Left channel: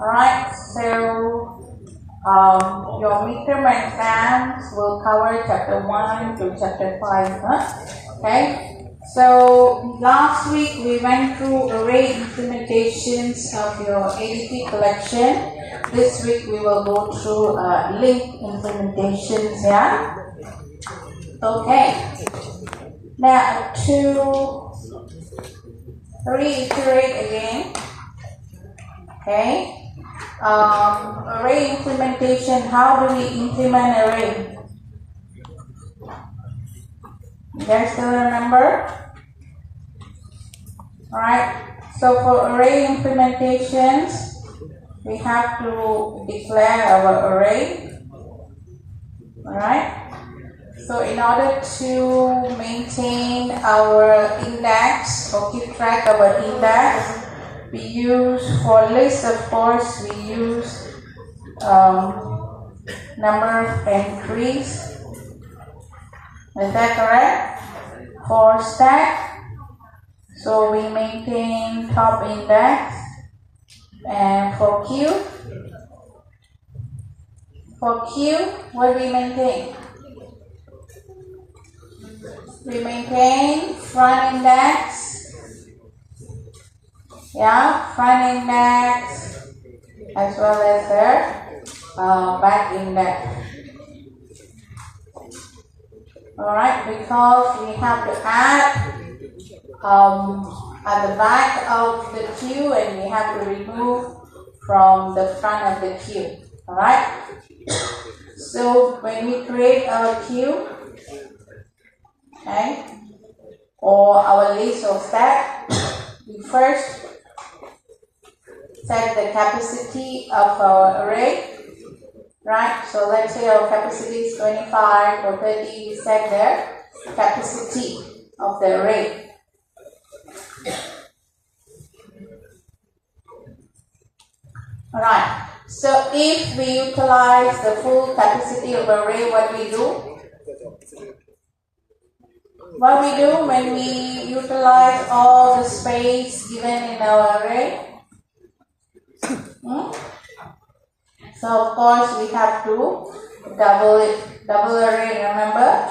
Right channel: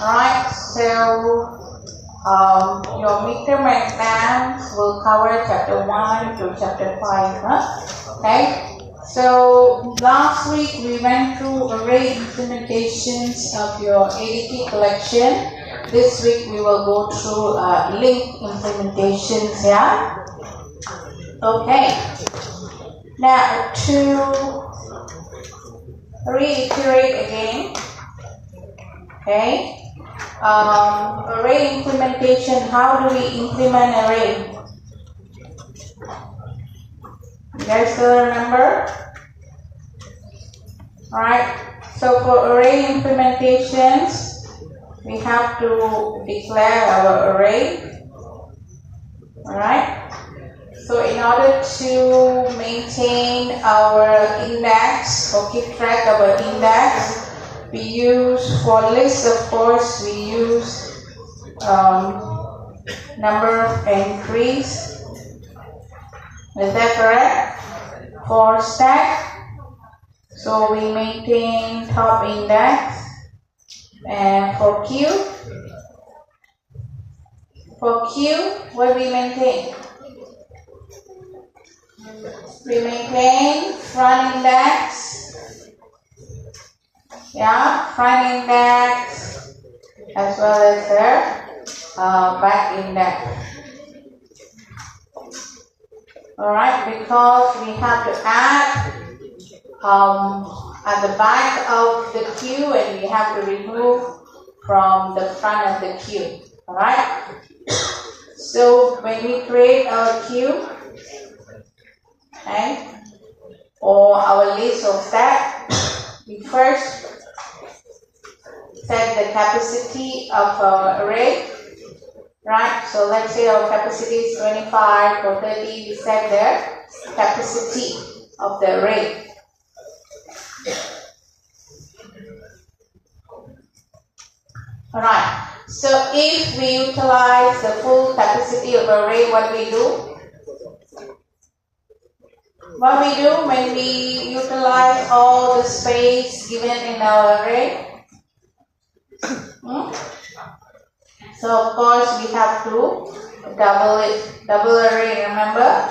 Alright, so your midterm exams will cover chapter 1 to chapter 5. Okay, so last week we went through array implementations of your ADT collection. This week we will go through link implementations. Yeah. Okay. Now to reiterate again. Okay. Array implementation. How do we implement array? You guys still remember? Alright. So for array implementations, we have to declare our array. Alright. So in order to maintain our index or keep track of our index, we use, for list of course, we use number of entries. Is that correct? For stack, so we maintain top index. And for queue, what we maintain? We maintain front index. Yeah, front index as well as the back index. Alright, because we have to add at the back of the queue and we have to remove from the front of the queue. Alright, so when we create our queue, okay, or our list of stack, we first set the capacity of our array, right? So let's say our capacity is 25 or 30, we set the capacity of the array. Alright, so if we utilize the full capacity of array, what we do? What we do when we utilize all the space given in our array? So of course we have to double it, double array, remember?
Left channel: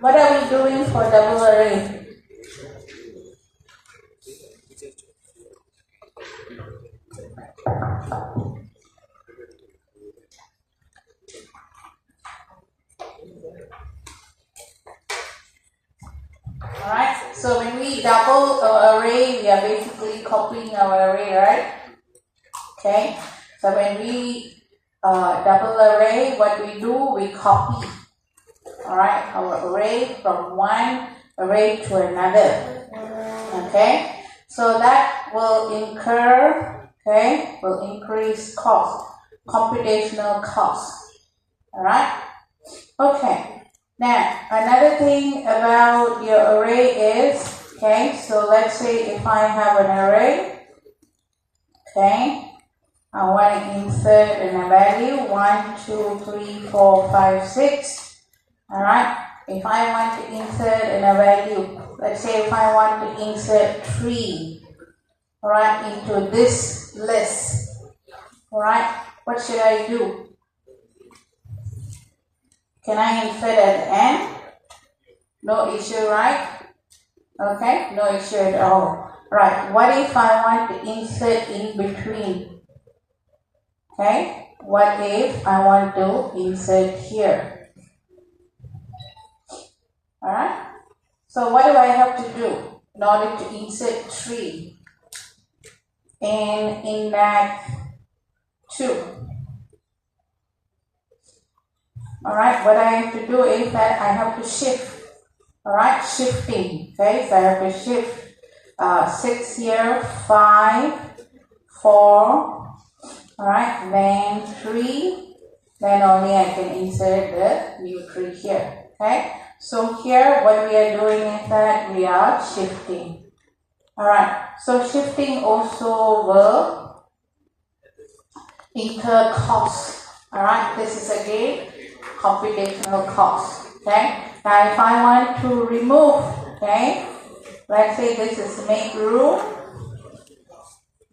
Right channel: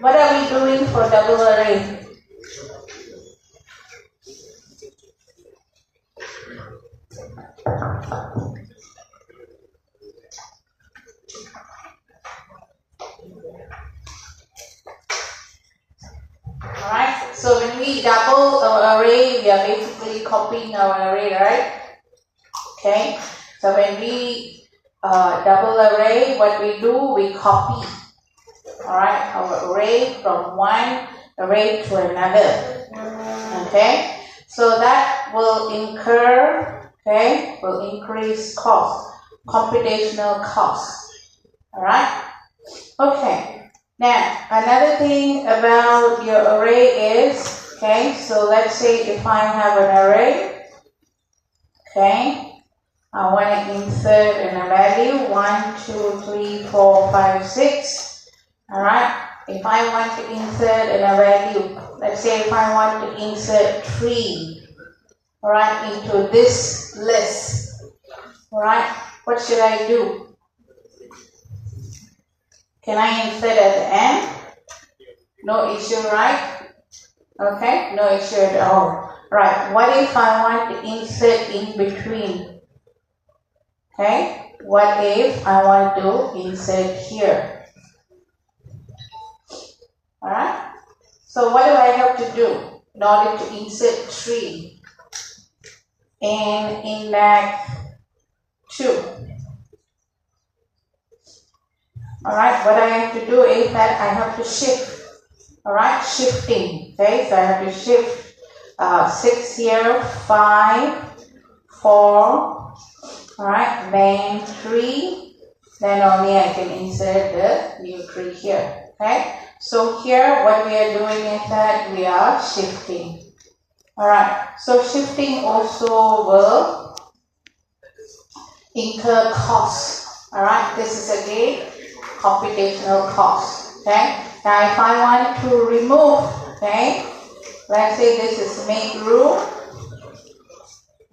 What are we doing for double array? Alright, so when we double our array, we are basically copying our array, right? Okay, so when we double array, what we do, we copy, alright, our array from one array to another. Okay, so that will incur, okay, will increase cost, computational cost. Alright, okay. Now, another thing about your array is, okay, so let's say if I have an array, okay, I want to insert in a value 1, 2, 3, 4, 5, 6. Alright, if I want to insert in a value, let's say if I want to insert 3, alright, into this list, alright, what should I do? Can I insert at the end? No issue, right? Okay, no issue at all. Right, what if I want to insert in between? Okay, what if I want to insert here? Alright, so what do I have to do in order to insert 3 in index 2? Alright, what I have to do is that I have to shift. Alright, shifting. Okay, so I have to shift 6 here, 5, 4, alright, then 3, then only I can insert the new 3 here. Okay, so here what we are doing is that we are shifting. Alright, so shifting also will incur costs. Alright, this is again computational cost. Okay, now if I want to remove, okay, let's say this is make room,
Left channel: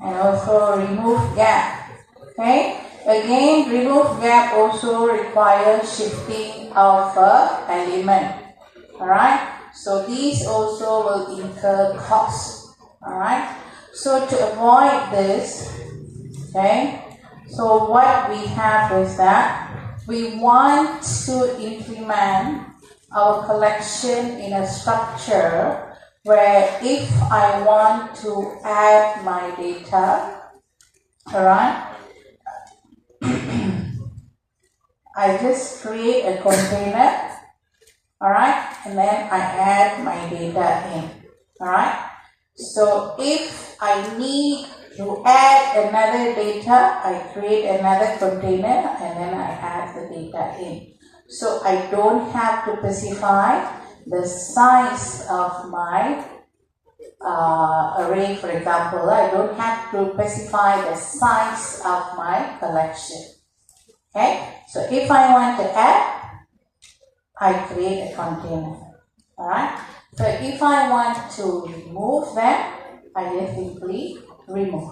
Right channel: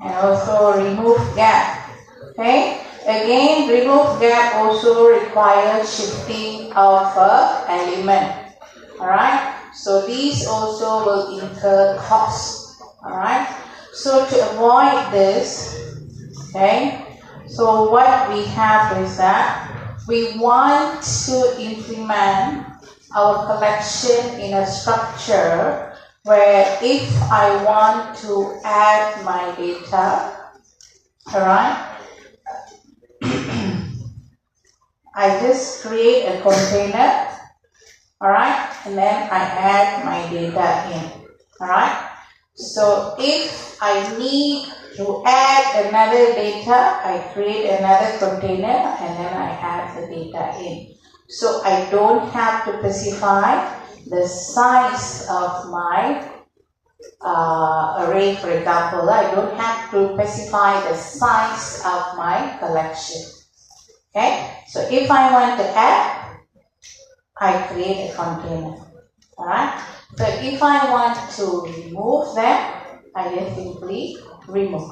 and also remove gap. Okay, again remove gap also requires shifting of a element. Alright, so these also will incur cost. Alright, so to avoid this, okay, so what we have is that we want to implement our collection in a structure where if I want to add my data, alright, I just create a container, alright, and then I add my data in, alright. So if I need to add another data, I create another container and then I add the data in. So I don't have to specify the size of my array, for example. I don't have to specify the size of my collection. Okay, so if I want to add, I create a container. Alright, so if I want to remove them, I just simply remove.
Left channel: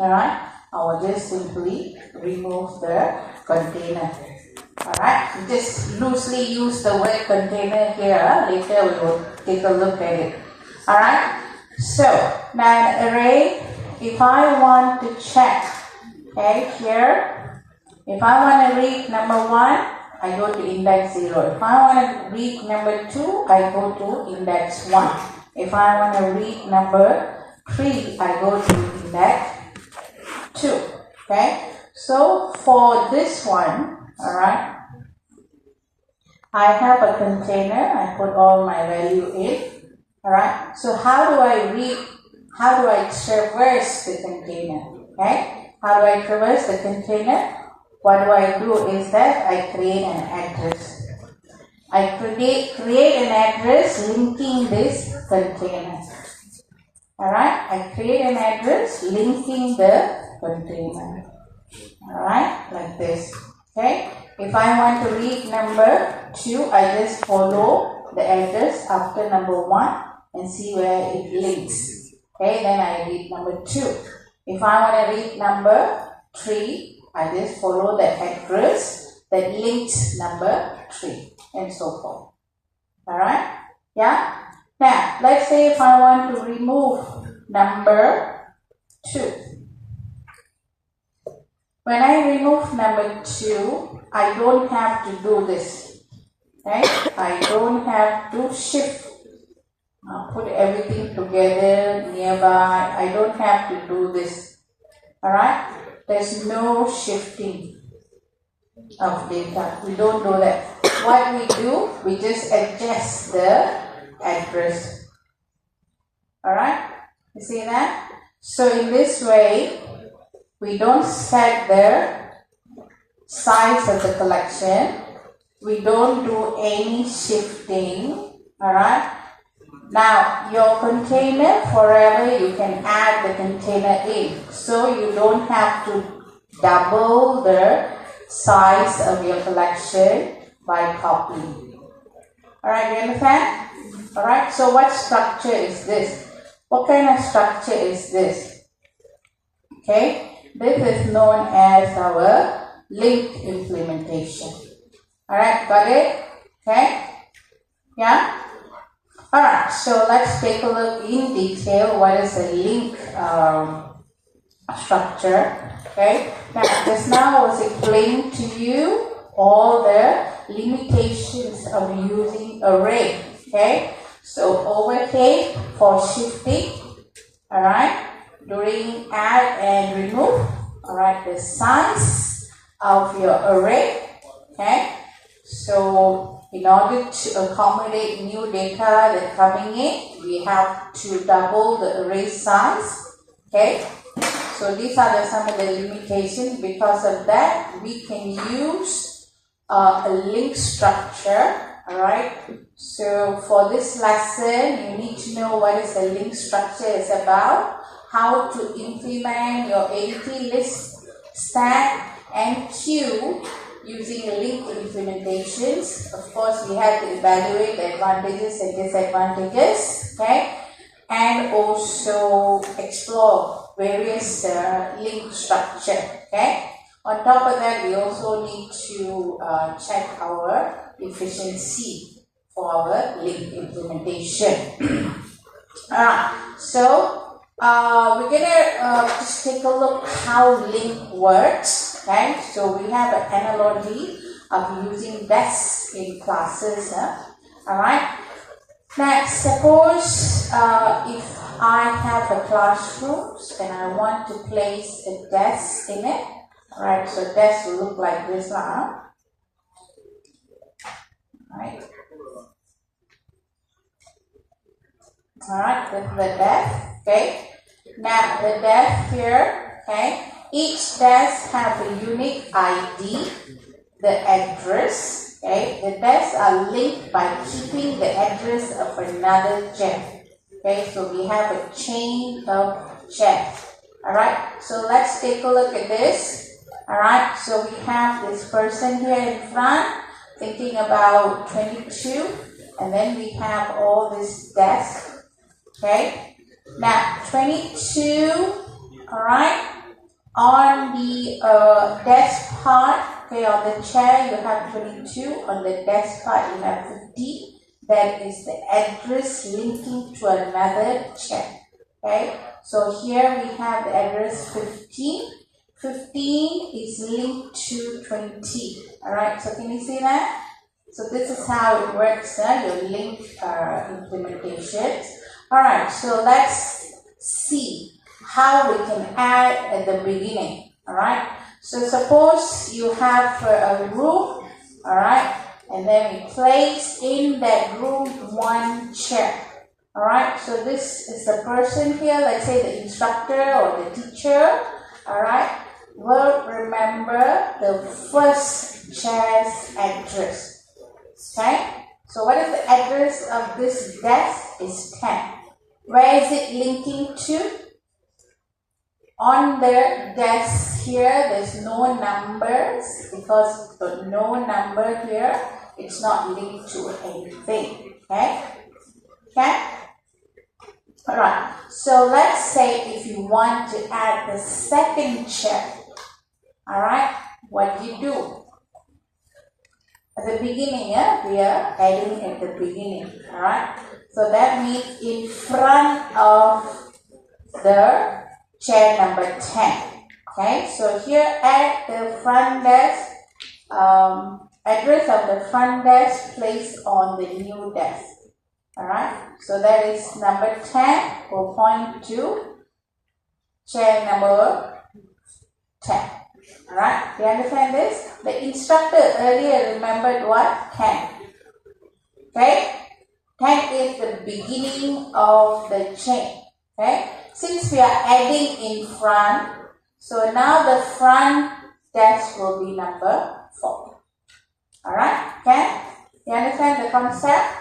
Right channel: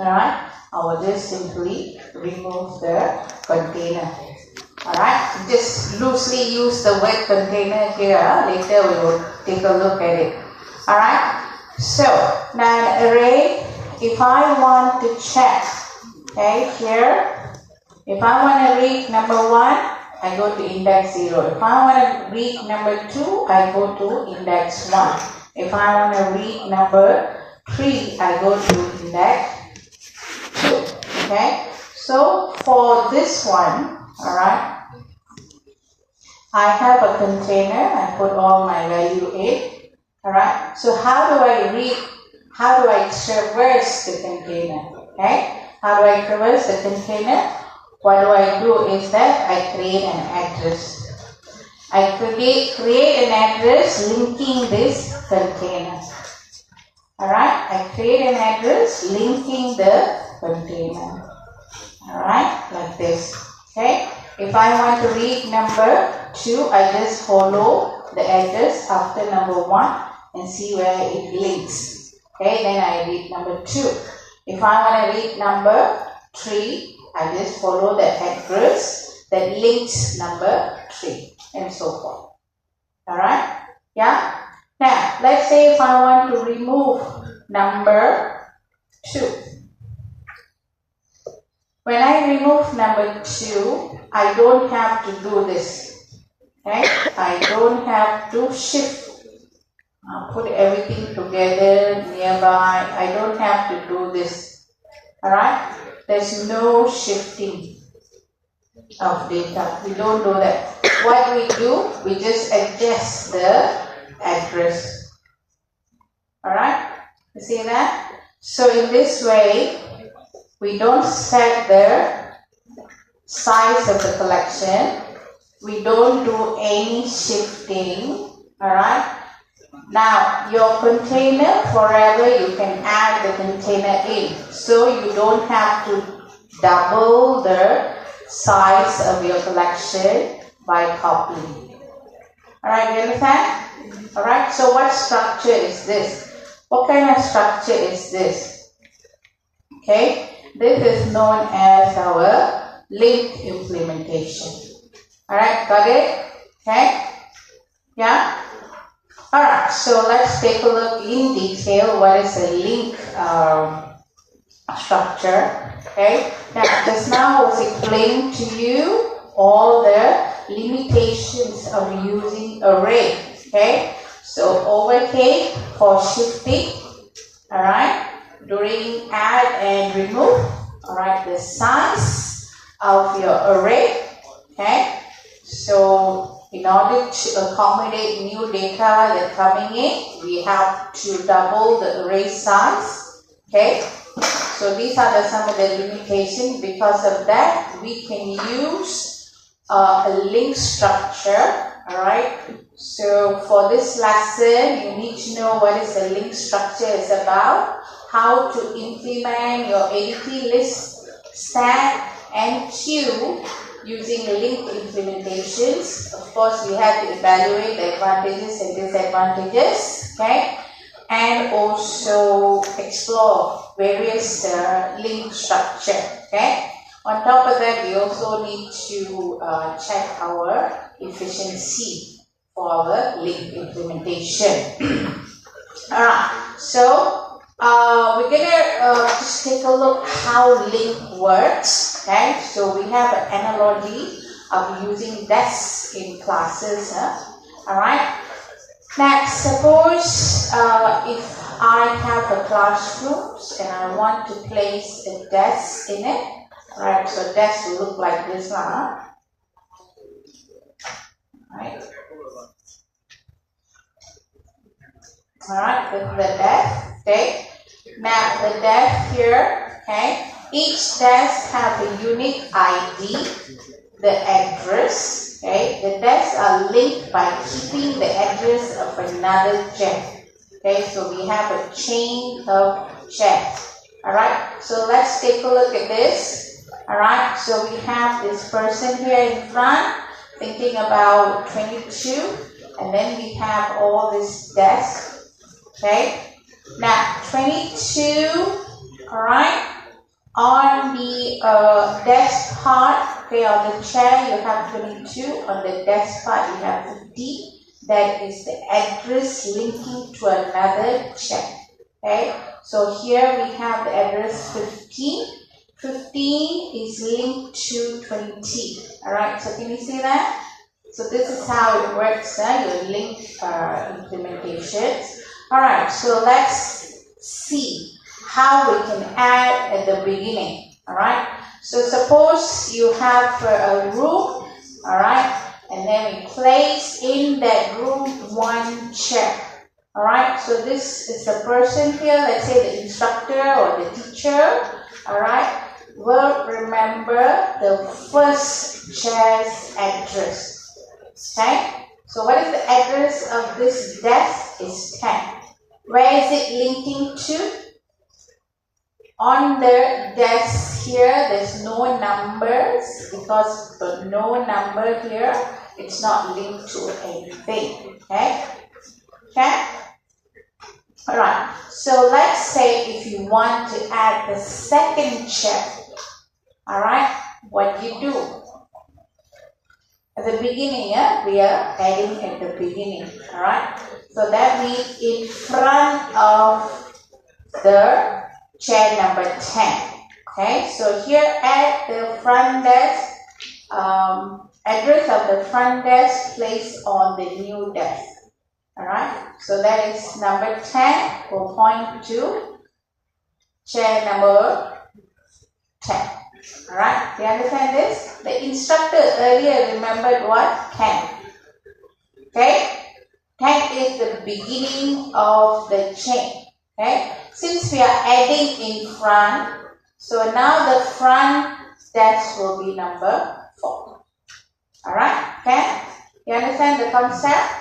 Alright, I will just simply remove the container. Alright, just loosely use the word container here. Later we will take a look at it. Alright, so now an array, if I want to check, okay, here, if I want to read number 1, I go to index 0. If I want to read number 2, I go to index 1. If I want to read number 3, I go to index 2. Okay, so for this one, alright, I have a container, I put all my value in. Alright, so how do I traverse the container? Okay, how do I traverse the container? What do I do is that I create an address. I create an address linking this container. Alright, I create an address linking the container. Alright, like this. Okay, if I want to read number 2, I just follow the address after number 1 and see where it links. Okay, then I read number 2. If I want to read number 3, I just follow the address that links number 3 and so forth. Alright? Yeah? Now, let's say if I want to remove number 2. When I remove number 2, I don't have to do this. Okay? I don't have to shift. Put everything together nearby. I don't have to do this. Alright? There's no shifting of data. We don't do that. What we do, we just adjust the address. Alright? You see that? So in this way, we don't set the size of the collection. We don't do any shifting. Alright? Now, your container, forever you can add the container in. So you don't have to double the size of your collection by copying. Alright, you understand? Alright, so what structure is this? What kind of structure is this? Okay, this is known as our linked implementation. Alright, got it? Okay? Yeah? Alright, so let's take a look in detail what is a link structure. Okay, now just now I was explaining to you all the limitations of using array. Okay, so overhead for shifting. Alright, during add and remove. Alright, the size of your array. Okay, so in order to accommodate new data that coming in, we have to double the array size. Okay, so these are some of the limitations. Because of that, we can use a link structure. Alright, so for this lesson, you need to know what is a link structure is about, how to implement your ADT list, stack, and queue using link implementations. Of course, we have to evaluate the advantages and disadvantages. Okay, and also explore various link structure. Okay. On top of that, we also need to check our efficiency for our link implementation. Alright, so we're gonna just take a look how link works. Okay, so we have an analogy of using desks in classes. Alright, now suppose if I have a classroom and I want to place a desk in it. Alright, so desk will look like this now. Right. Alright, this is the desk. Okay. Now the desk here, okay. Each desk have a unique ID, the address. Okay. The desks are linked by keeping the address of another chair. Okay, so we have a chain of chairs. Alright, so let's take a look at this. Alright, so we have this person here in front thinking about 22, and then we have all this desk. Okay, now 22, alright, on the desk part, okay, on the chair you have 22, on the desk part you have 50. That is the address linking to another chair. Okay, so here we have the address 15. 15 is linked to 20. Alright, so can you see that? So this is how it works, your link implementations. Alright, so let's see how we can add at the beginning. Alright, so suppose you have a room, alright, and then we place in that room one chair. Alright, so this is the person here, let's say the instructor or the teacher, alright, will remember the first chair's address. Okay, so what is the address of this desk? Is 10. Where is it linking to? On the desk here, there's no numbers, because the no number here, it's not linked to anything. Okay, okay. Alright, so let's say if you want to add the second chair, alright, what do you do? At the beginning, we are adding at the beginning, alright. So that means in front of the chair number 10. Okay, so here at the front desk, address of the front desk placed on the new desk. Alright, so that is number 10, will point to chair number 10. Alright, do you understand this? The instructor earlier remembered what? 10. Okay, 10 is the beginning of the chain. Okay, since we are adding in front, so now the front desk will be number 4. Alright, okay, you understand the concept?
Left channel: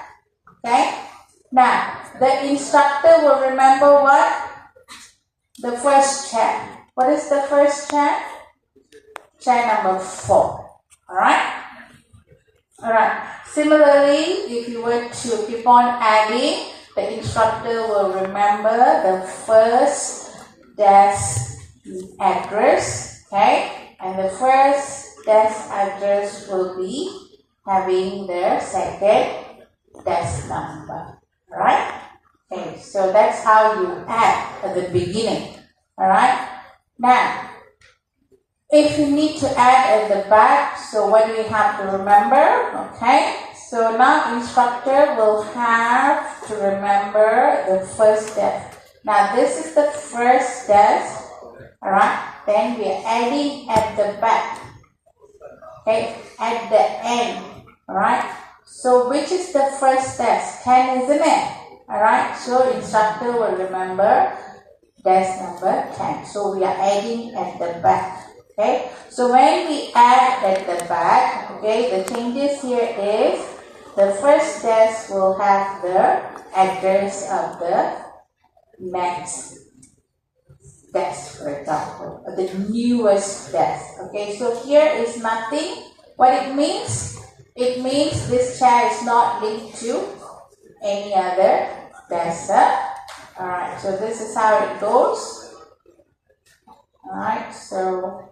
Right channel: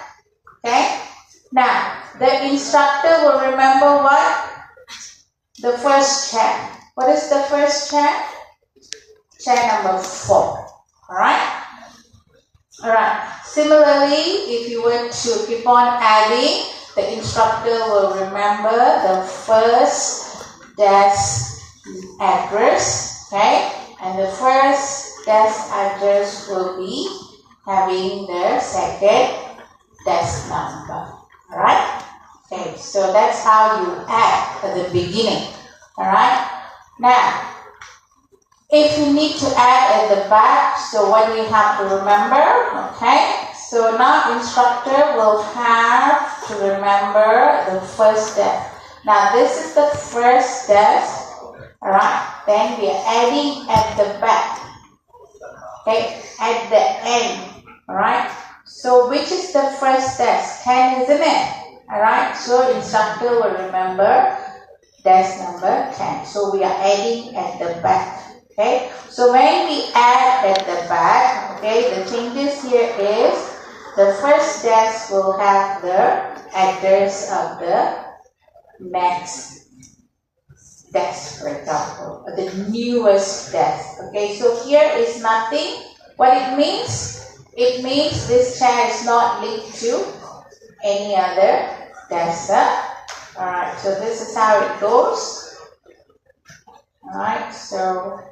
Okay, now the instructor will remember what? The first chair. What is the first chair? Chair number 4. Alright? Alright. Similarly, if you were to keep on adding, the instructor will remember the first desk address. Okay? And the first desk address will be having the second desk number. Alright? Okay, so that's how you add at the beginning. Alright? Now, if you need to add at the back, so what do we have to remember? Okay, so now instructor will have to remember the first desk. Now this is the first desk. Alright, then we are adding at the back. Okay, at the end. Alright, so which is the first desk? 10, isn't it? Alright, so instructor will remember desk number 10. So we are adding at the back. Okay, so when we add at the back, okay, the changes here is the first desk will have the address of the next desk, for example, the newest desk. Okay, so here is nothing. What it means? It means this chair is not linked to any other desk. Alright, so this is how it goes. Alright, so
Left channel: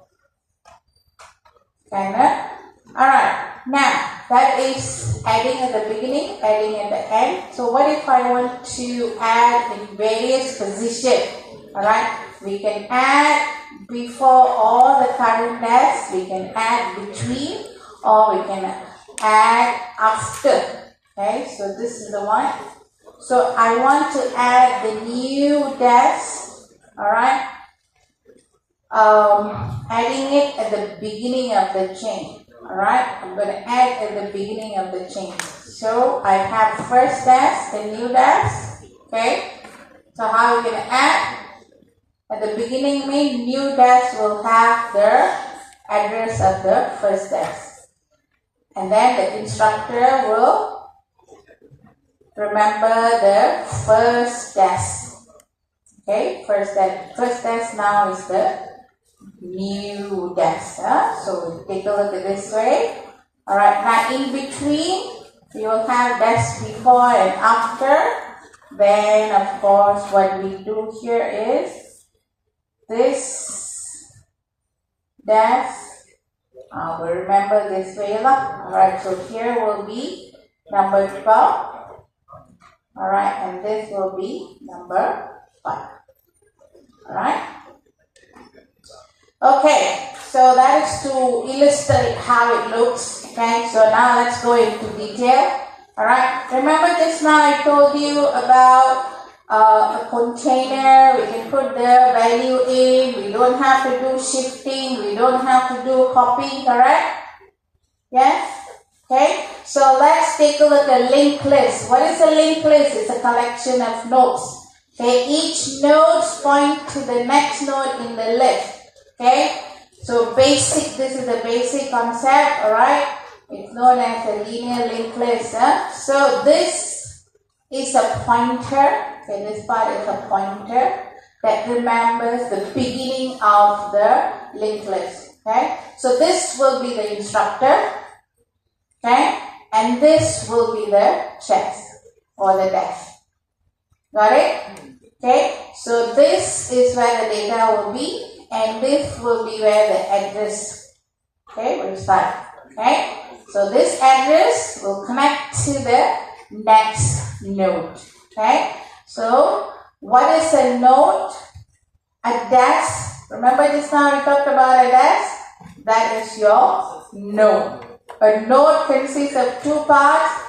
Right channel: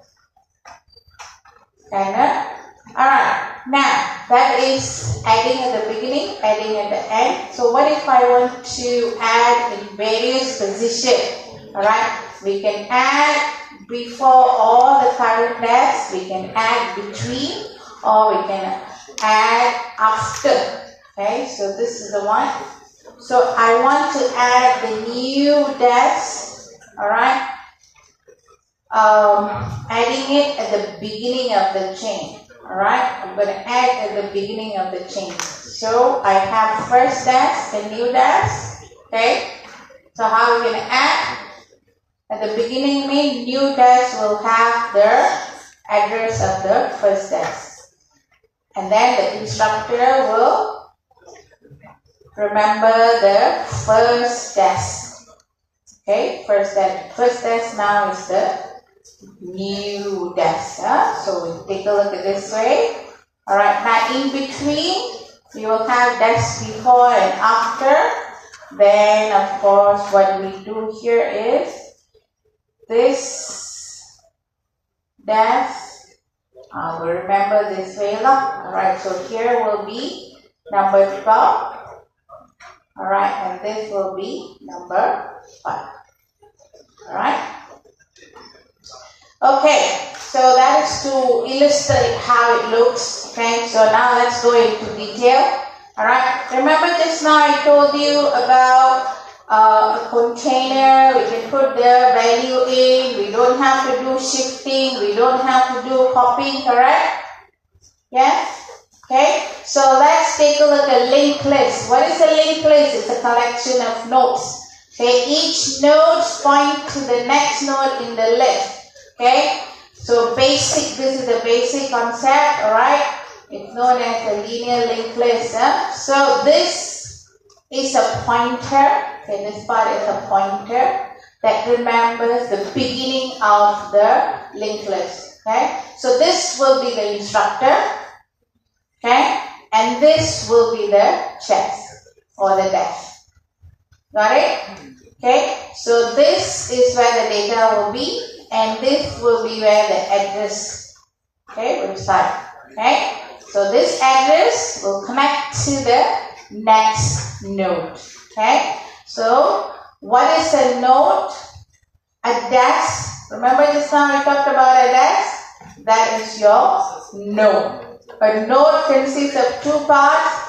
kinda. Alright, now that is adding at the beginning, adding at the end. So what if I want to add in various positions? Alright, we can add before all the current dash, we can add between, or we can add after. Okay, so this is the one. So I want to add the new dash. Alright, adding it at the beginning of the chain. Alright, I'm going to add at the beginning of the chain. So I have first dash, the new dash. Okay, so how are we going to add? At the beginning means new dash will have the address of the first dash. And then the instructor will remember the first dash. Okay, first dash now is the new dash. So we take a look at this way. Alright, now in between we will have dash before and after. Then of course what we do here is this dash. We'll remember this way. Alright, so here will be number 12. Alright, and this will be number 5. Alright. Okay, so that is to illustrate how it looks. Okay, so now let's go into detail. Alright, remember just now I told you about a container. We can put the value in. We don't have to do shifting. We don't have to do copying, correct? Yes? Okay, so let's take a look at linked list. What is a linked list? It's a collection of nodes. Okay, each node points to the next node in the list. Okay, so this is the basic concept, alright? It's known as a linear linked list. So this is a pointer. Okay, this part is a pointer that remembers the beginning of the linked list. Okay, so this will be the instructor. Okay, and this will be the chest or the dash. Got it? Okay, so this is where the data will be, and this will be where the address, okay, will start. Okay, so this address will connect to the next node. Okay, so what is a node? A dash. Remember just now we talked about a dash? That is your node. A node consists of two parts.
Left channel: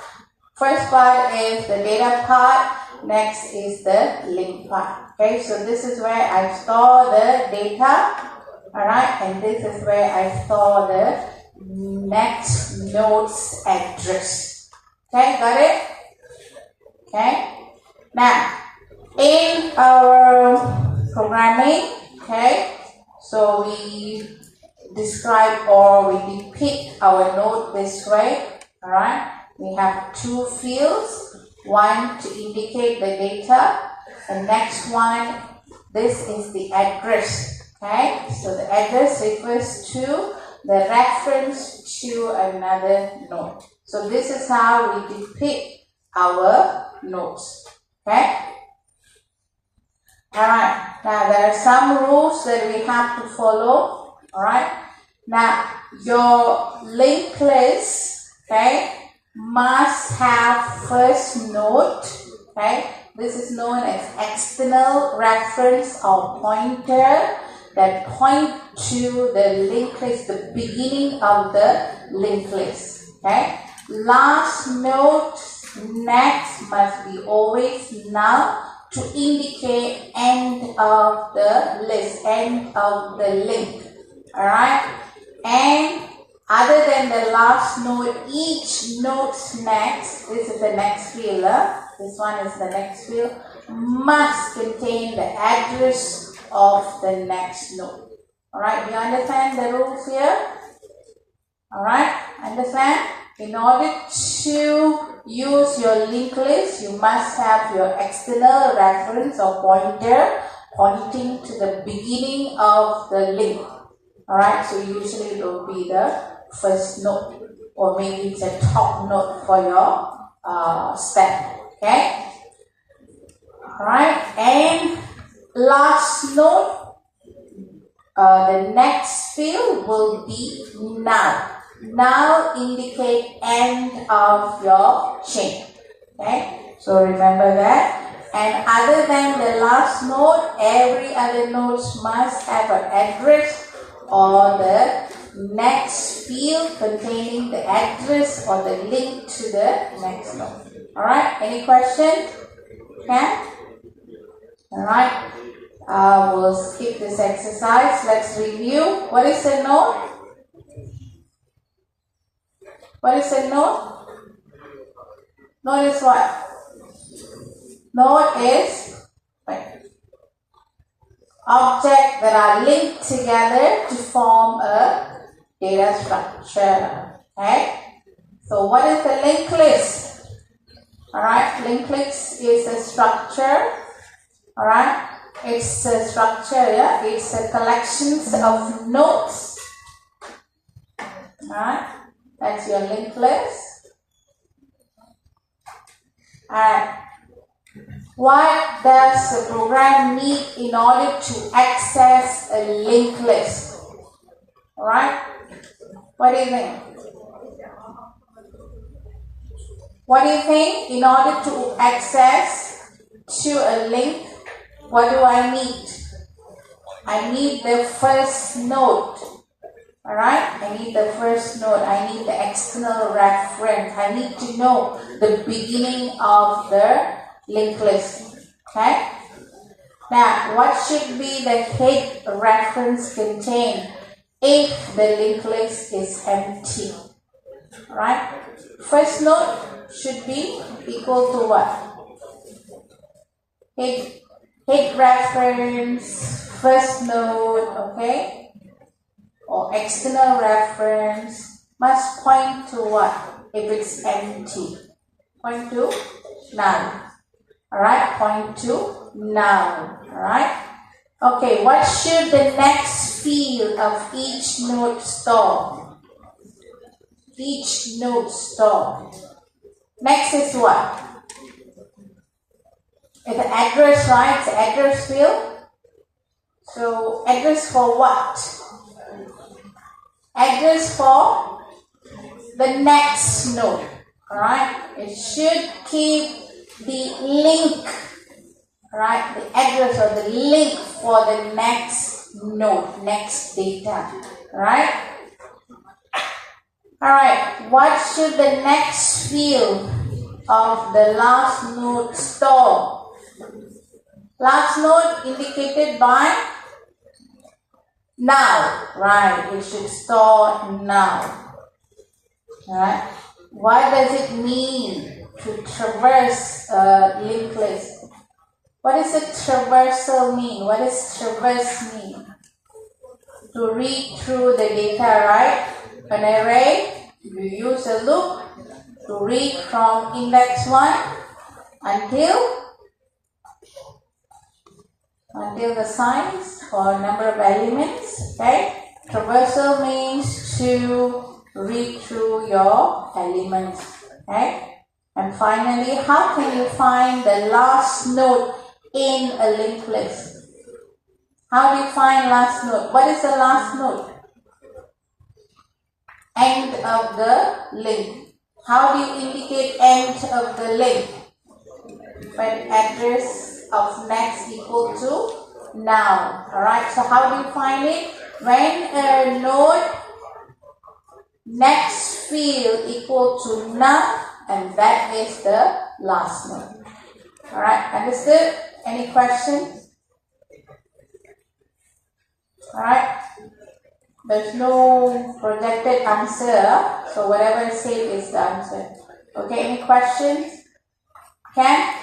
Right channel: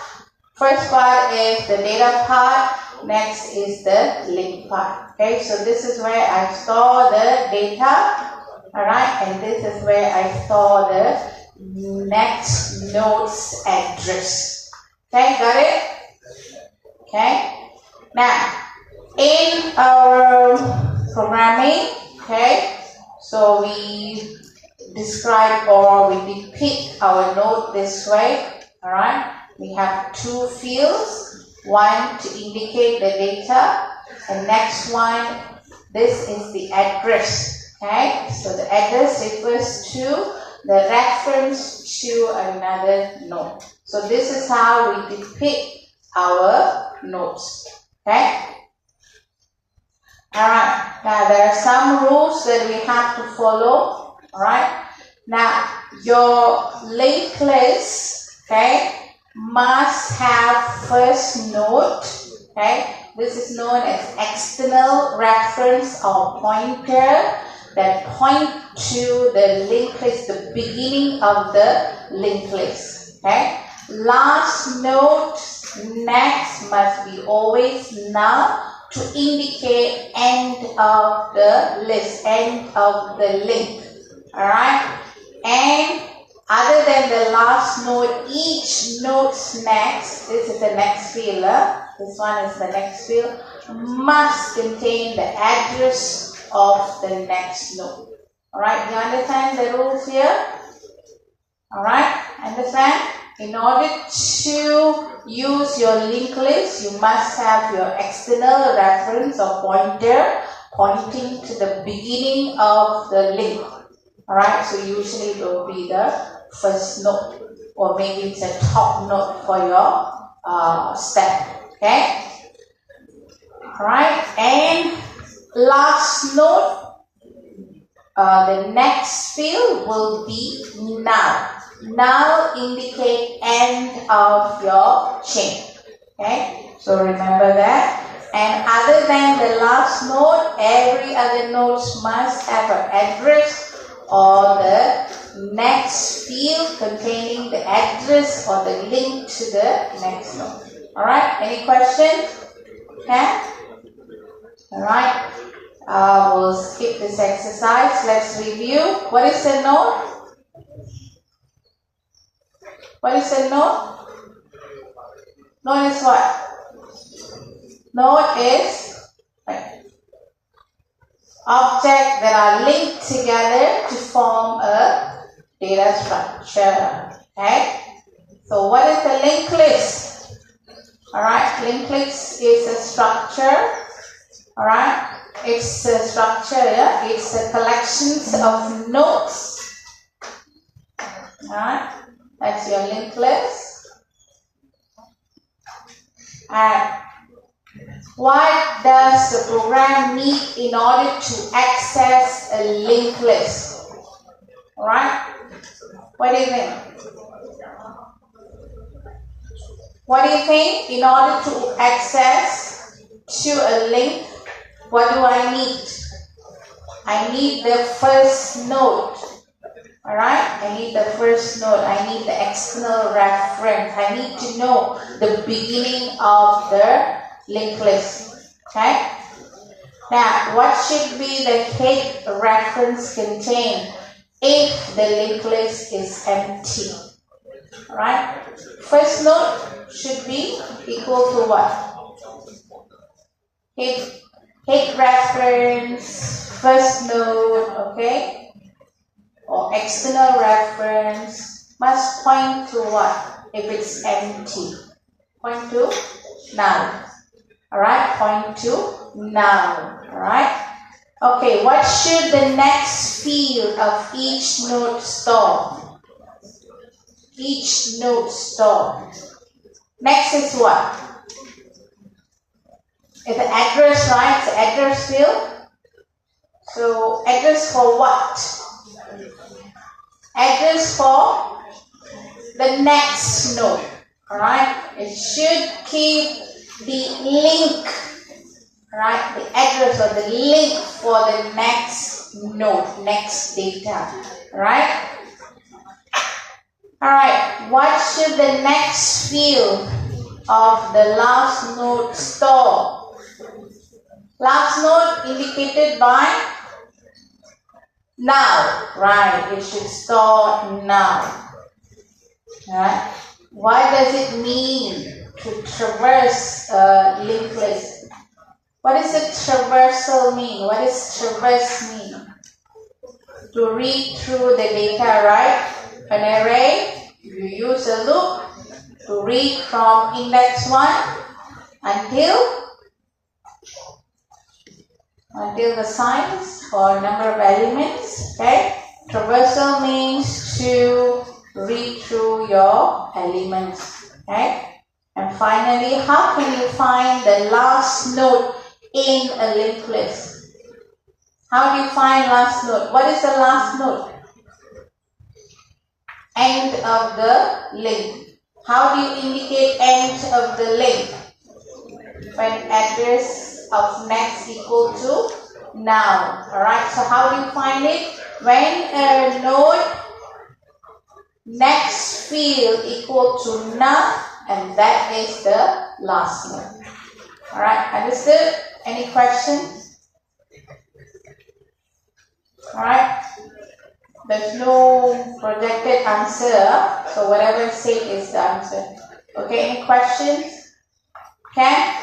First part is the data part. Next is the link part. Okay, so this is where I store the data. Alright, and this is where I store the next node's address. Okay, got it? Okay. Now, in our programming, okay, so we describe or we depict our node this way. Alright, we have two fields, one to indicate the data, and next one, this is the address. Okay, so the address refers to the reference to another node. So this is how we depict our nodes. Okay. Alright, now there are some rules that we have to follow. Alright, now your linked list, okay, must have first node. Okay, this is known as external reference or pointer that point to the linked list, the beginning of the linked list. Okay, last node next must be always null to indicate end of the list, end of the link. Alright, and other than the last node, each node's next, this is the next field, this one is the next field, must contain the address of the next node. Alright, you understand the rules here? Alright, understand? In order to use your linked list, you must have your external reference or pointer pointing to the beginning of the link. Alright, so usually it will be the first node, or maybe it's a top node for your step. Okay? Alright, and last node, the next field will be null. Null indicate end of your chain. Okay, so remember that. And other than the last node, every other nodes must have an address or the next field containing the address or the link to the next node. Alright, any questions? Okay? Alright, we'll skip this exercise. Let's review. What is a node? What is a node? Node is what? Node is objects that are linked together to form a data structure. Okay? So what is the linked list? Alright, linked list is a structure. Alright, it's a structure, yeah? It's a collections of nodes. Alright, that's your linked list. And what does the program need in order to access a linked list? Alright, what do you think? What do you think? In order to access to a link, what do I need? I need the first node. Alright, I need the first node. I need the external reference. I need to know the beginning of the linked list. Okay? Now, what should be the head reference contain if the linked list is empty? Alright? First node should be equal to what? Head reference, first node, okay? Or external reference must point to what? If it's empty. Point to null. Alright, point to null. Alright? Okay, what should the next field of each node store? Each node store. Next is what? It's the address, right? It's the address field. So, address for what? Address for the next node. Alright? It should keep the link, right? The address or the link for the next node, next data. Right? Alright, what should the next field of the last node store? Last node indicated by null, right? It should store null. Right? What does it mean to traverse a linked list? What does a traversal mean? What does traverse mean? To read through the data, right? An array, you use a loop to read from index 1 until the size or number of elements. Okay? Traversal means to read through your elements. Okay? And finally, how can you find the last node in a linked list? How do you find last node? What is the last node? End of the link. How do you indicate end of the link? When address of next equal to null. Alright, so how do you find it? When a node next field equal to null, and that is the last node. Alright, understood? Any questions? Alright. There's no projected answer, so whatever I say is the answer. Okay, any questions? Can?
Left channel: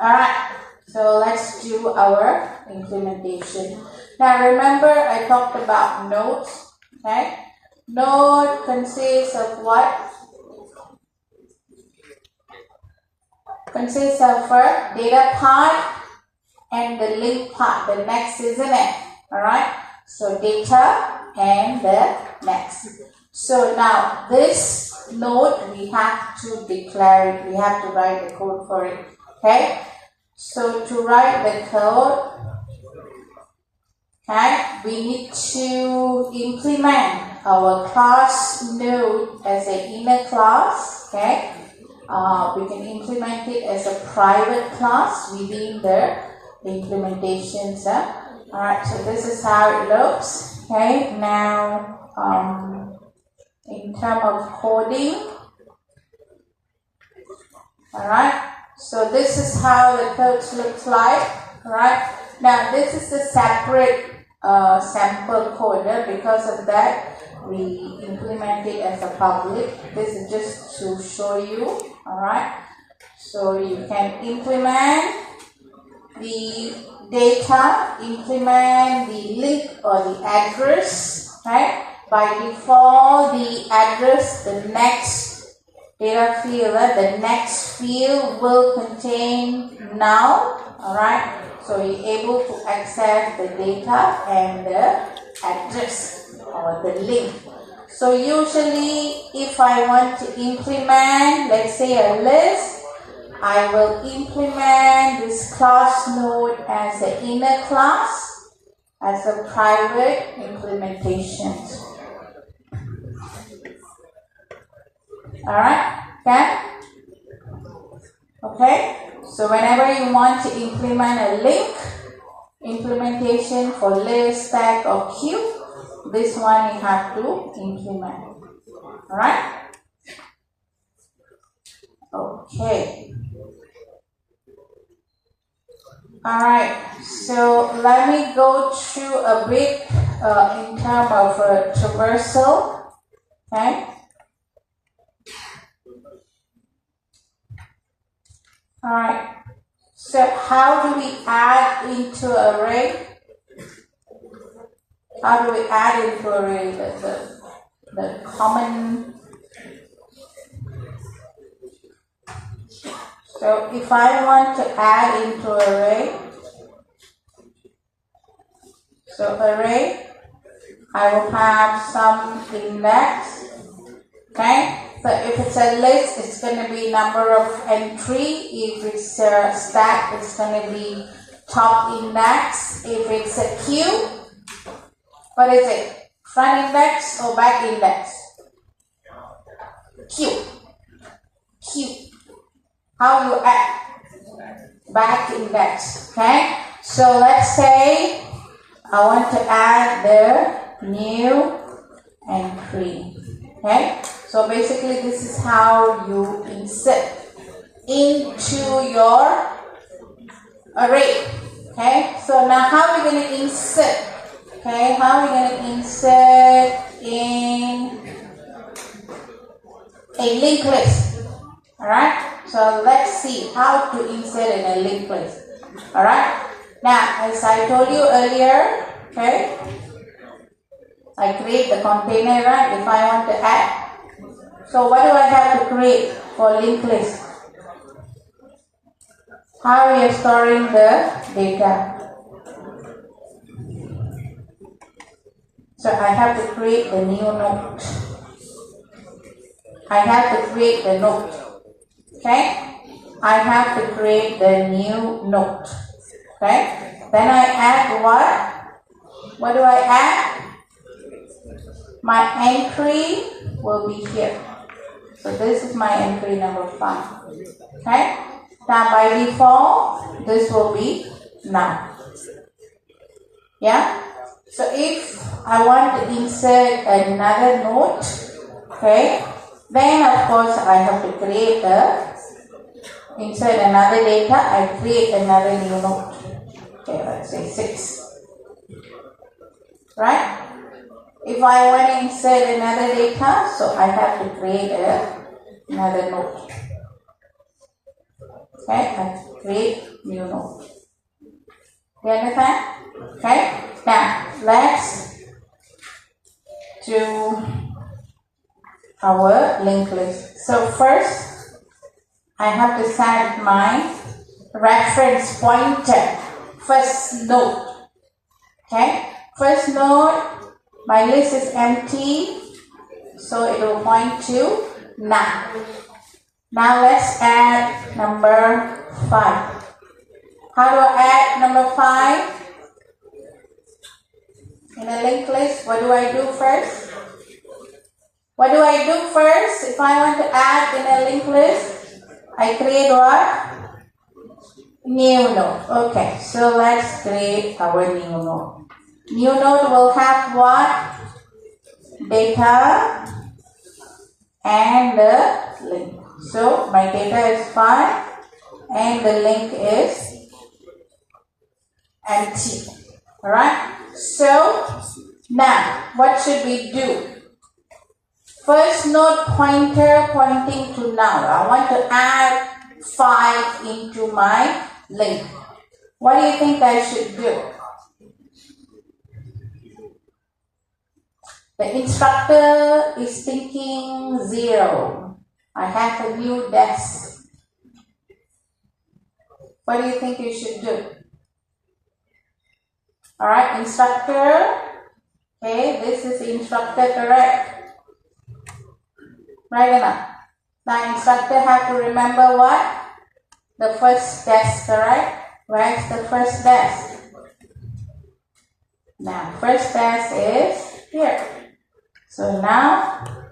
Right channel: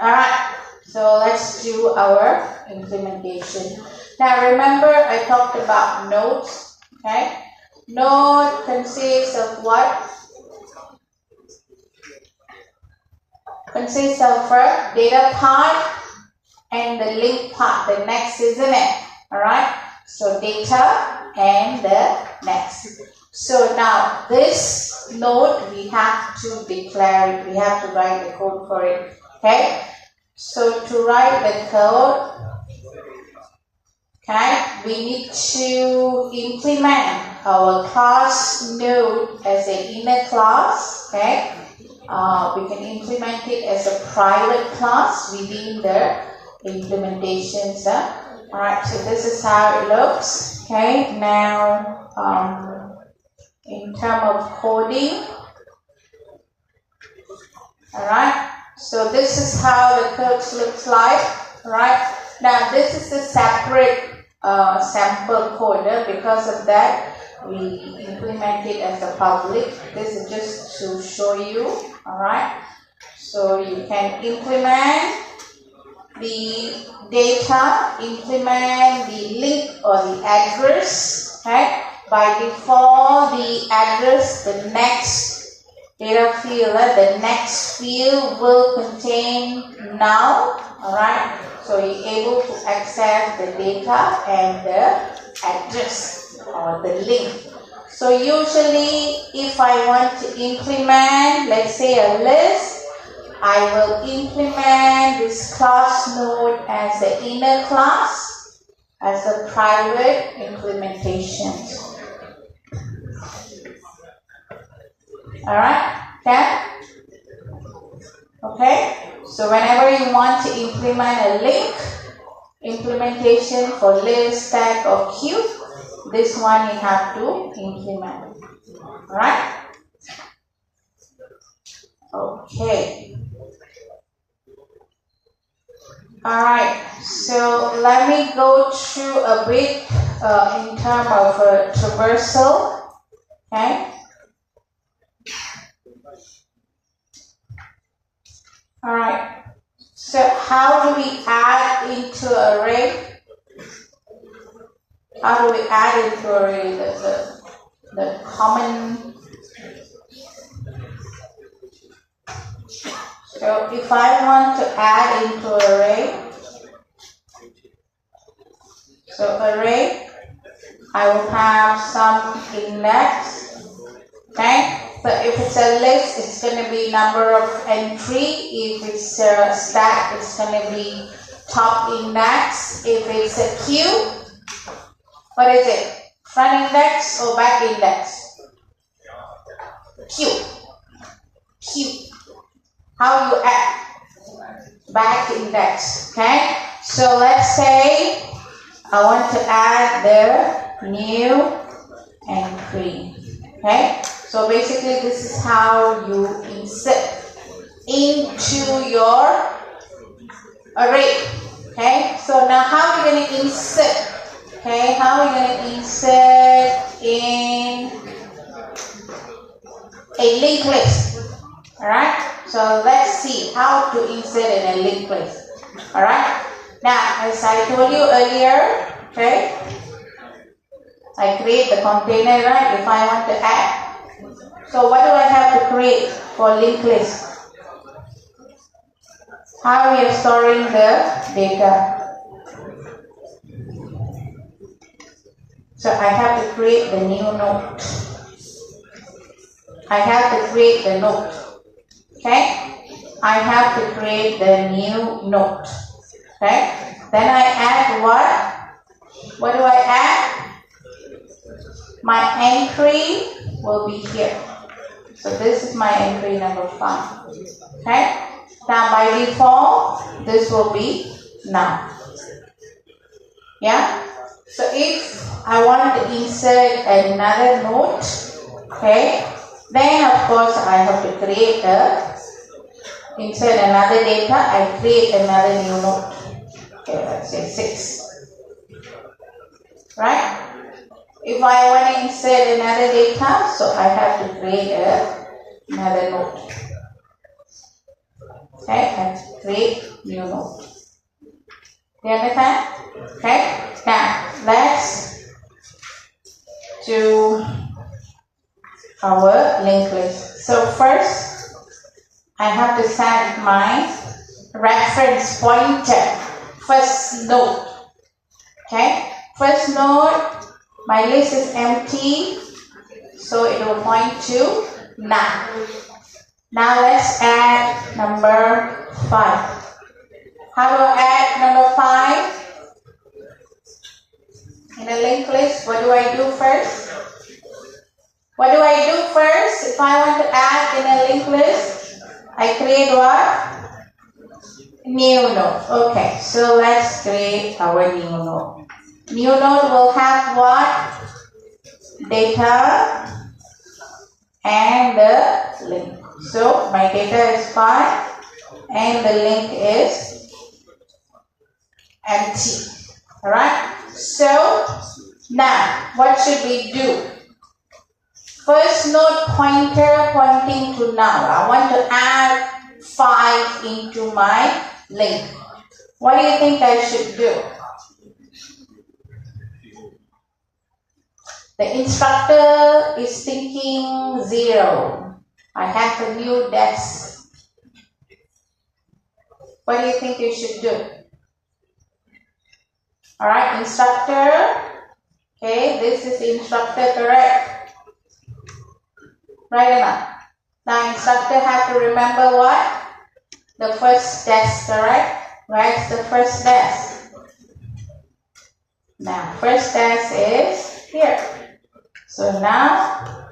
Alright, so let's do our implementation. Now remember I talked about nodes, okay? Node consists of what? Consists of a data part and the link part, the next, isn't it? Alright? So data and the next. So now this node we have to declare it. We have to write the code for it. Okay. So to write the code, okay, we need to implement our class node as an inner class, okay. We can implement it as a private class within the implementations. Alright, so this is how it looks. Okay, now in terms of coding, alright, so this is how the code looks like. Alright, now this is a separate sample code. Because of that, we implement it as a public. This is just to show you. Alright, so you can implement the data, implement the link or the address. Okay, by default the address, the next data field, the next field will contain null. Alright, so you're able to access the data and the address or the link. So usually if I want to implement, let's say, a list, I will implement this class node as the inner class, as a private implementation. Alright, okay, so whenever you want to implement a link implementation for list, tag or queue, this one you have to implement. Alright? Okay. Alright, so let me go through a bit in terms of traversal. Okay? Alright, so how do we add into array? How do we add into array the common? So if I want to add into array, so array, I will have some index. Okay, so if it's a list, it's going to be number of entry. If it's a stack, it's going to be top index. If it's a queue, what is it? Front index or back index? Queue. Queue. How you add? Back index. Okay. So let's say I want to add the new entry. Okay. So basically, this is how you insert into your array. Okay. So now how are we going to insert? Okay, how are we going to insert in a linked list? Alright, so let's see how to insert in a linked list. Alright, now as I told you earlier, okay, I create the container, right, if I want to add. So what do I have to create for linked list? How we are storing the data. So I have to create the new node. I have to create the node. Okay? I have to create the new node. Okay? Then I add what? What do I add? My entry will be here. So this is my entry number 5. Okay? Now by default, this will be none. Yeah? So if I want to insert another node, okay, then of course I have to create insert another data, I create another new node. Okay, let's say 6. Right? If I want to insert another data, so I have to create another node. Okay, I have to create new node. Do you understand? Okay. Now, let's do our linked list. So first, I have to set my reference pointer, first node. Okay, first node, my list is empty, so it will point to none. Now let's add number 5. How do I add number 5 in a linked list? What do I do first? What do I do first? If I want to add in a linked list, I create what? New node. Okay, so let's create our new node. New node will have what? Data and the link. So my data is 5 and the link is empty. Alright? So now what should we do? First node pointer pointing to now. I want to add 5 into my link. What do you think I should do? The instructor is thinking 0. I have a new desk. What do you think you should do? Alright, instructor. Okay, this is instructor, correct? Right enough. Now instructor have to remember what? The first desk, correct? Where's the first desk? Now first desk is here. So now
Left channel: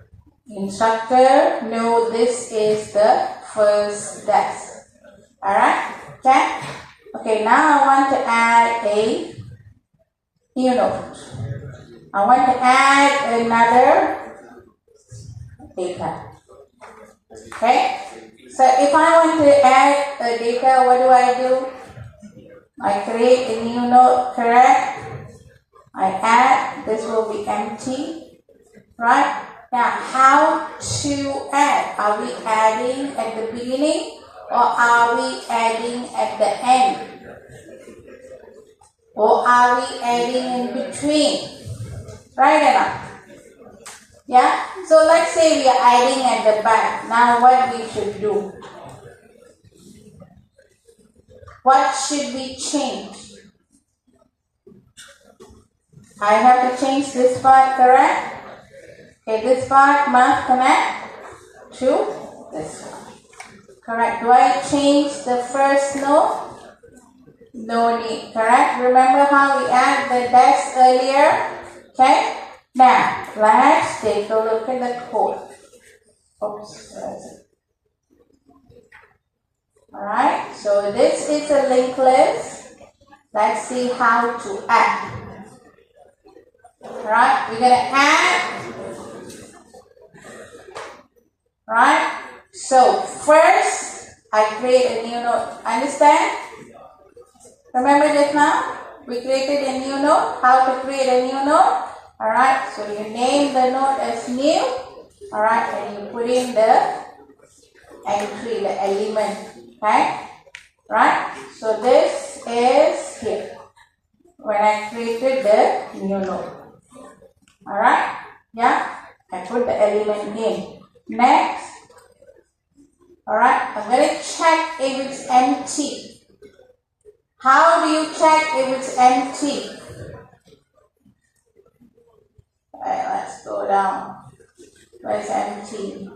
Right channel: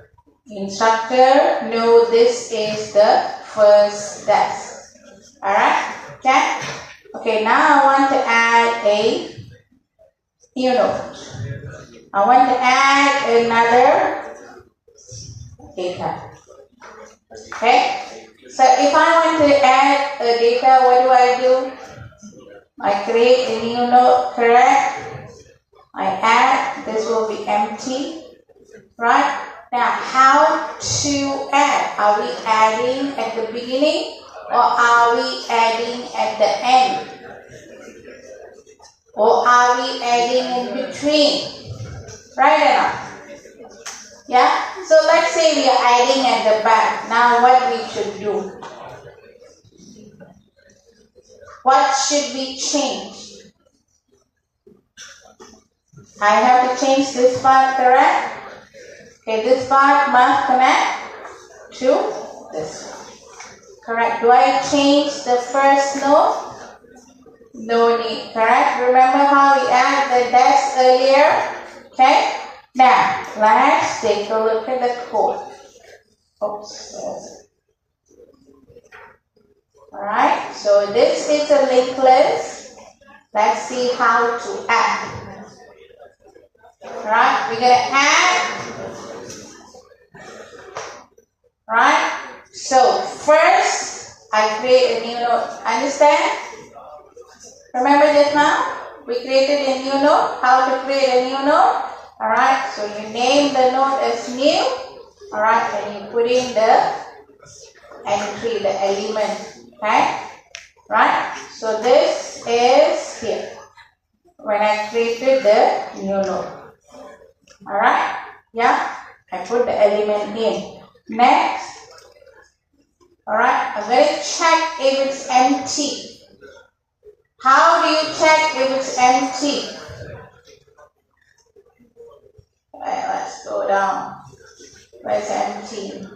instructor know this is the first desk. Alright? Okay? Okay, now I want to add a new node. I want to add another data. Okay? So if I want to add a data, what do? I create a new node, correct? I add, this will be empty. Right? Now how to add? Are we adding at the beginning or are we adding at the end? Or are we adding in between? Right enough. Yeah? So let's say we are adding at the back. Now what we should do? What should we change? I have to change this part, correct? Okay, this part must connect to this one. Correct. Do I change the first node? No need, correct? Remember how we added the desk earlier? Okay? Now, let's take a look at the code. Oops. Alright, so this is a linked list. Let's see how to add. Alright, we're going to add. Right? So, first, I create a new node. Understand? Remember this now? We created a new node. How to create a new node? Alright, so you name the node as new. Alright, and you put in the entry, the element. Okay? Right? So this is here. When I created the new node. Alright? Yeah? I put the element in. Next. Alright, I'm going to check if it's empty. How do you check if it's empty? Alright, let's go down. Where's empty?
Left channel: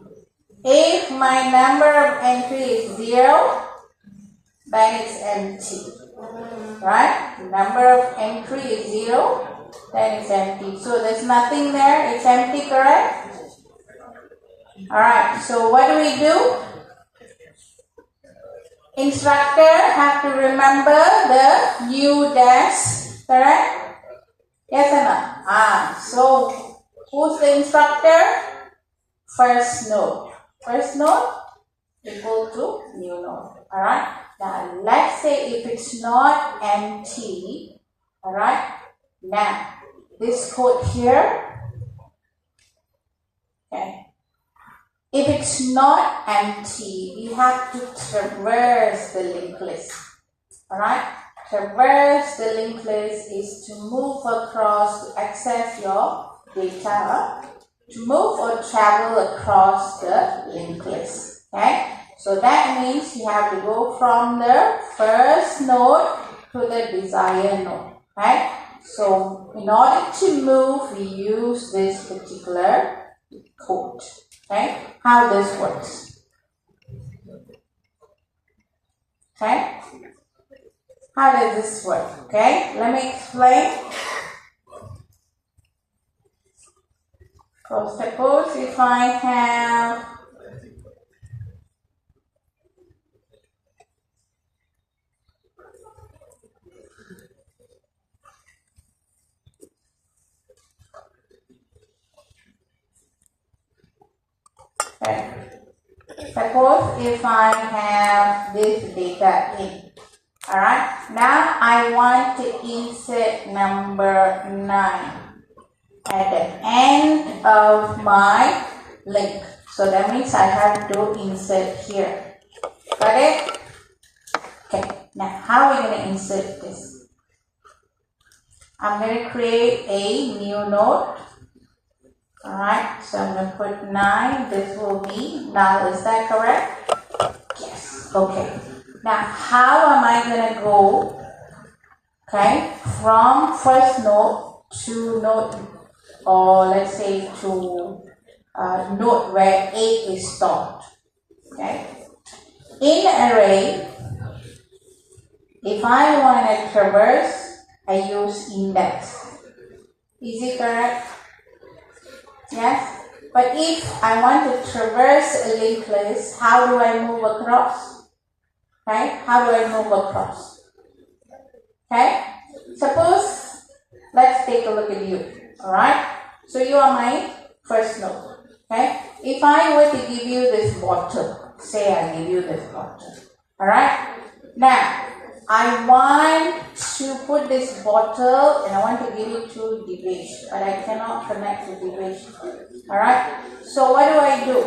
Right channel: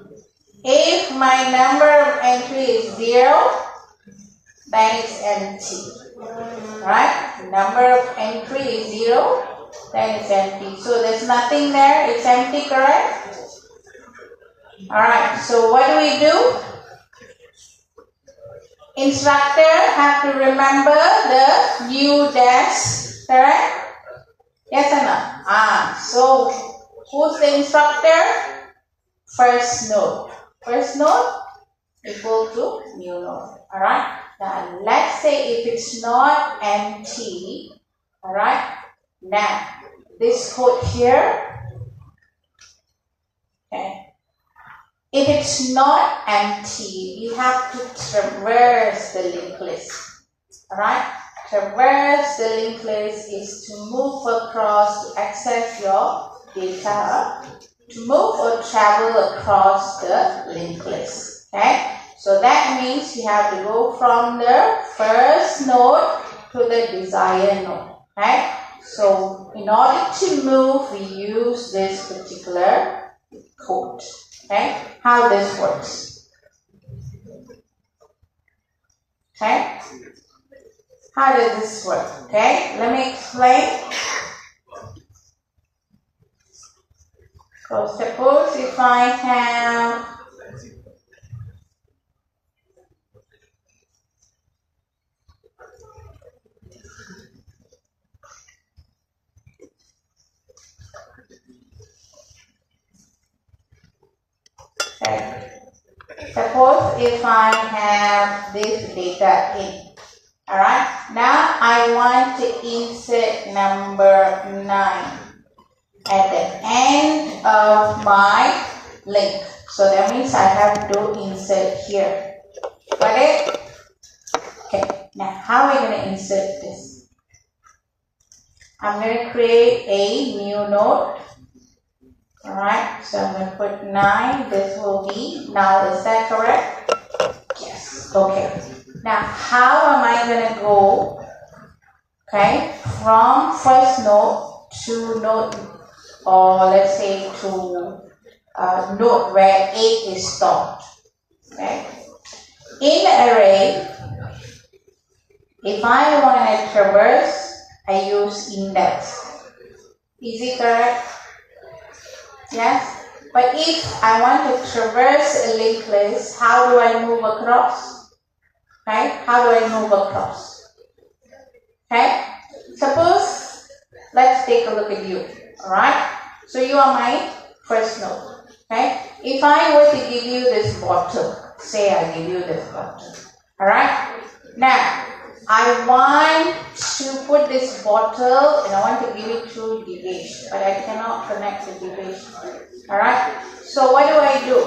If my number of entry is 0, then it's empty. Right? The number of entry is 0, then it's empty. So there's nothing there. It's empty, correct? Alright, so what do? Instructor have to remember the new desk, correct? Yes or no? So who's the instructor? First node. First node equal to new node. Alright? Now let's say if it's not empty, alright? Now this code here, okay? If it's not empty, you have to traverse the linked list. Alright? Traverse the linked list is to move across to access your data, to move or travel across the linked list. Okay? So that means you have to go from the first node to the desired node. Okay? So in order to move, we use this particular code. Okay, how this works. Okay, How does this work? Okay, let me explain. So suppose if I have okay. Suppose if I have this data in. Alright, now I want to insert number 9 at the end of my link. So that means I have to insert here. Got it? Okay, now how are we going to insert this? I'm going to create a new node. Alright, so I'm going to put 9. This will be null. Is that correct? Yes. Okay. Now, how am I going to go, okay, from first node to node, or let's say to node where 8 is stored, okay? In array, if I want to traverse, I use index. Is it correct? Yes? But if I want to traverse a linked list, how do I move across? Right? How do I move across? Okay? Suppose, let's take a look at you. Alright? So you are my first node. Okay? If I were to give you this bottle, say I give you this bottle. Alright? Now, I want to put this bottle and I want to give it to Divesh. But I cannot connect to Divesh. Alright? So what do?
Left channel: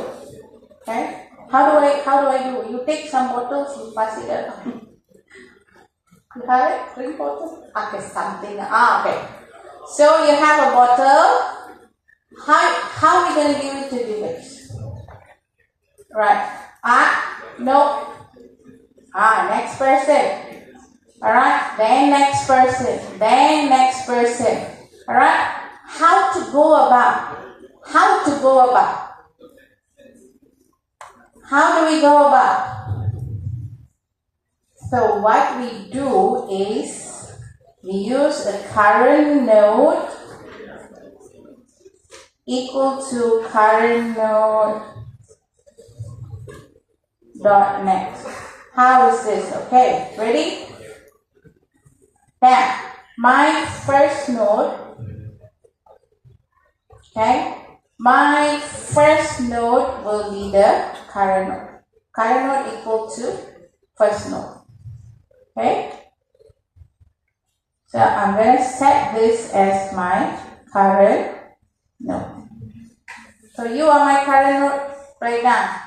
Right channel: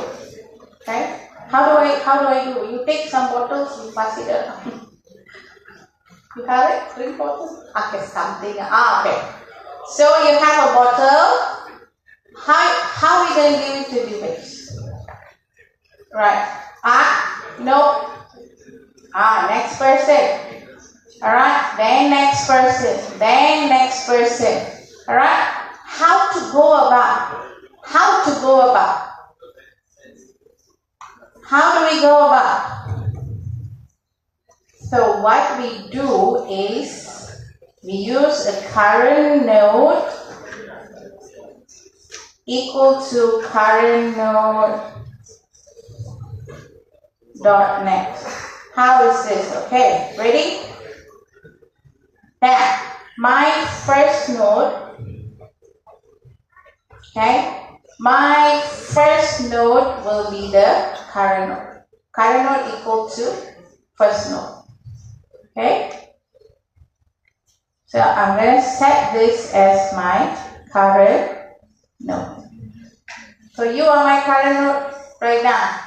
Okay? How do I do? You take some bottles, you pass it up. You have it? Drink bottle? Okay, something. Okay. So you have a bottle. How are we going to give it to the base? Right. No. Next person. Alright. Then next person. Then next person. Alright. How to go about? How do we go about? So what we do is we use a current node equal to current node dot next. How is this? Okay, ready? Now, my first node, okay, my first node will be the current node. Current node equal to first node. Okay? So I'm going to set this as my current node. So you are my current node right now.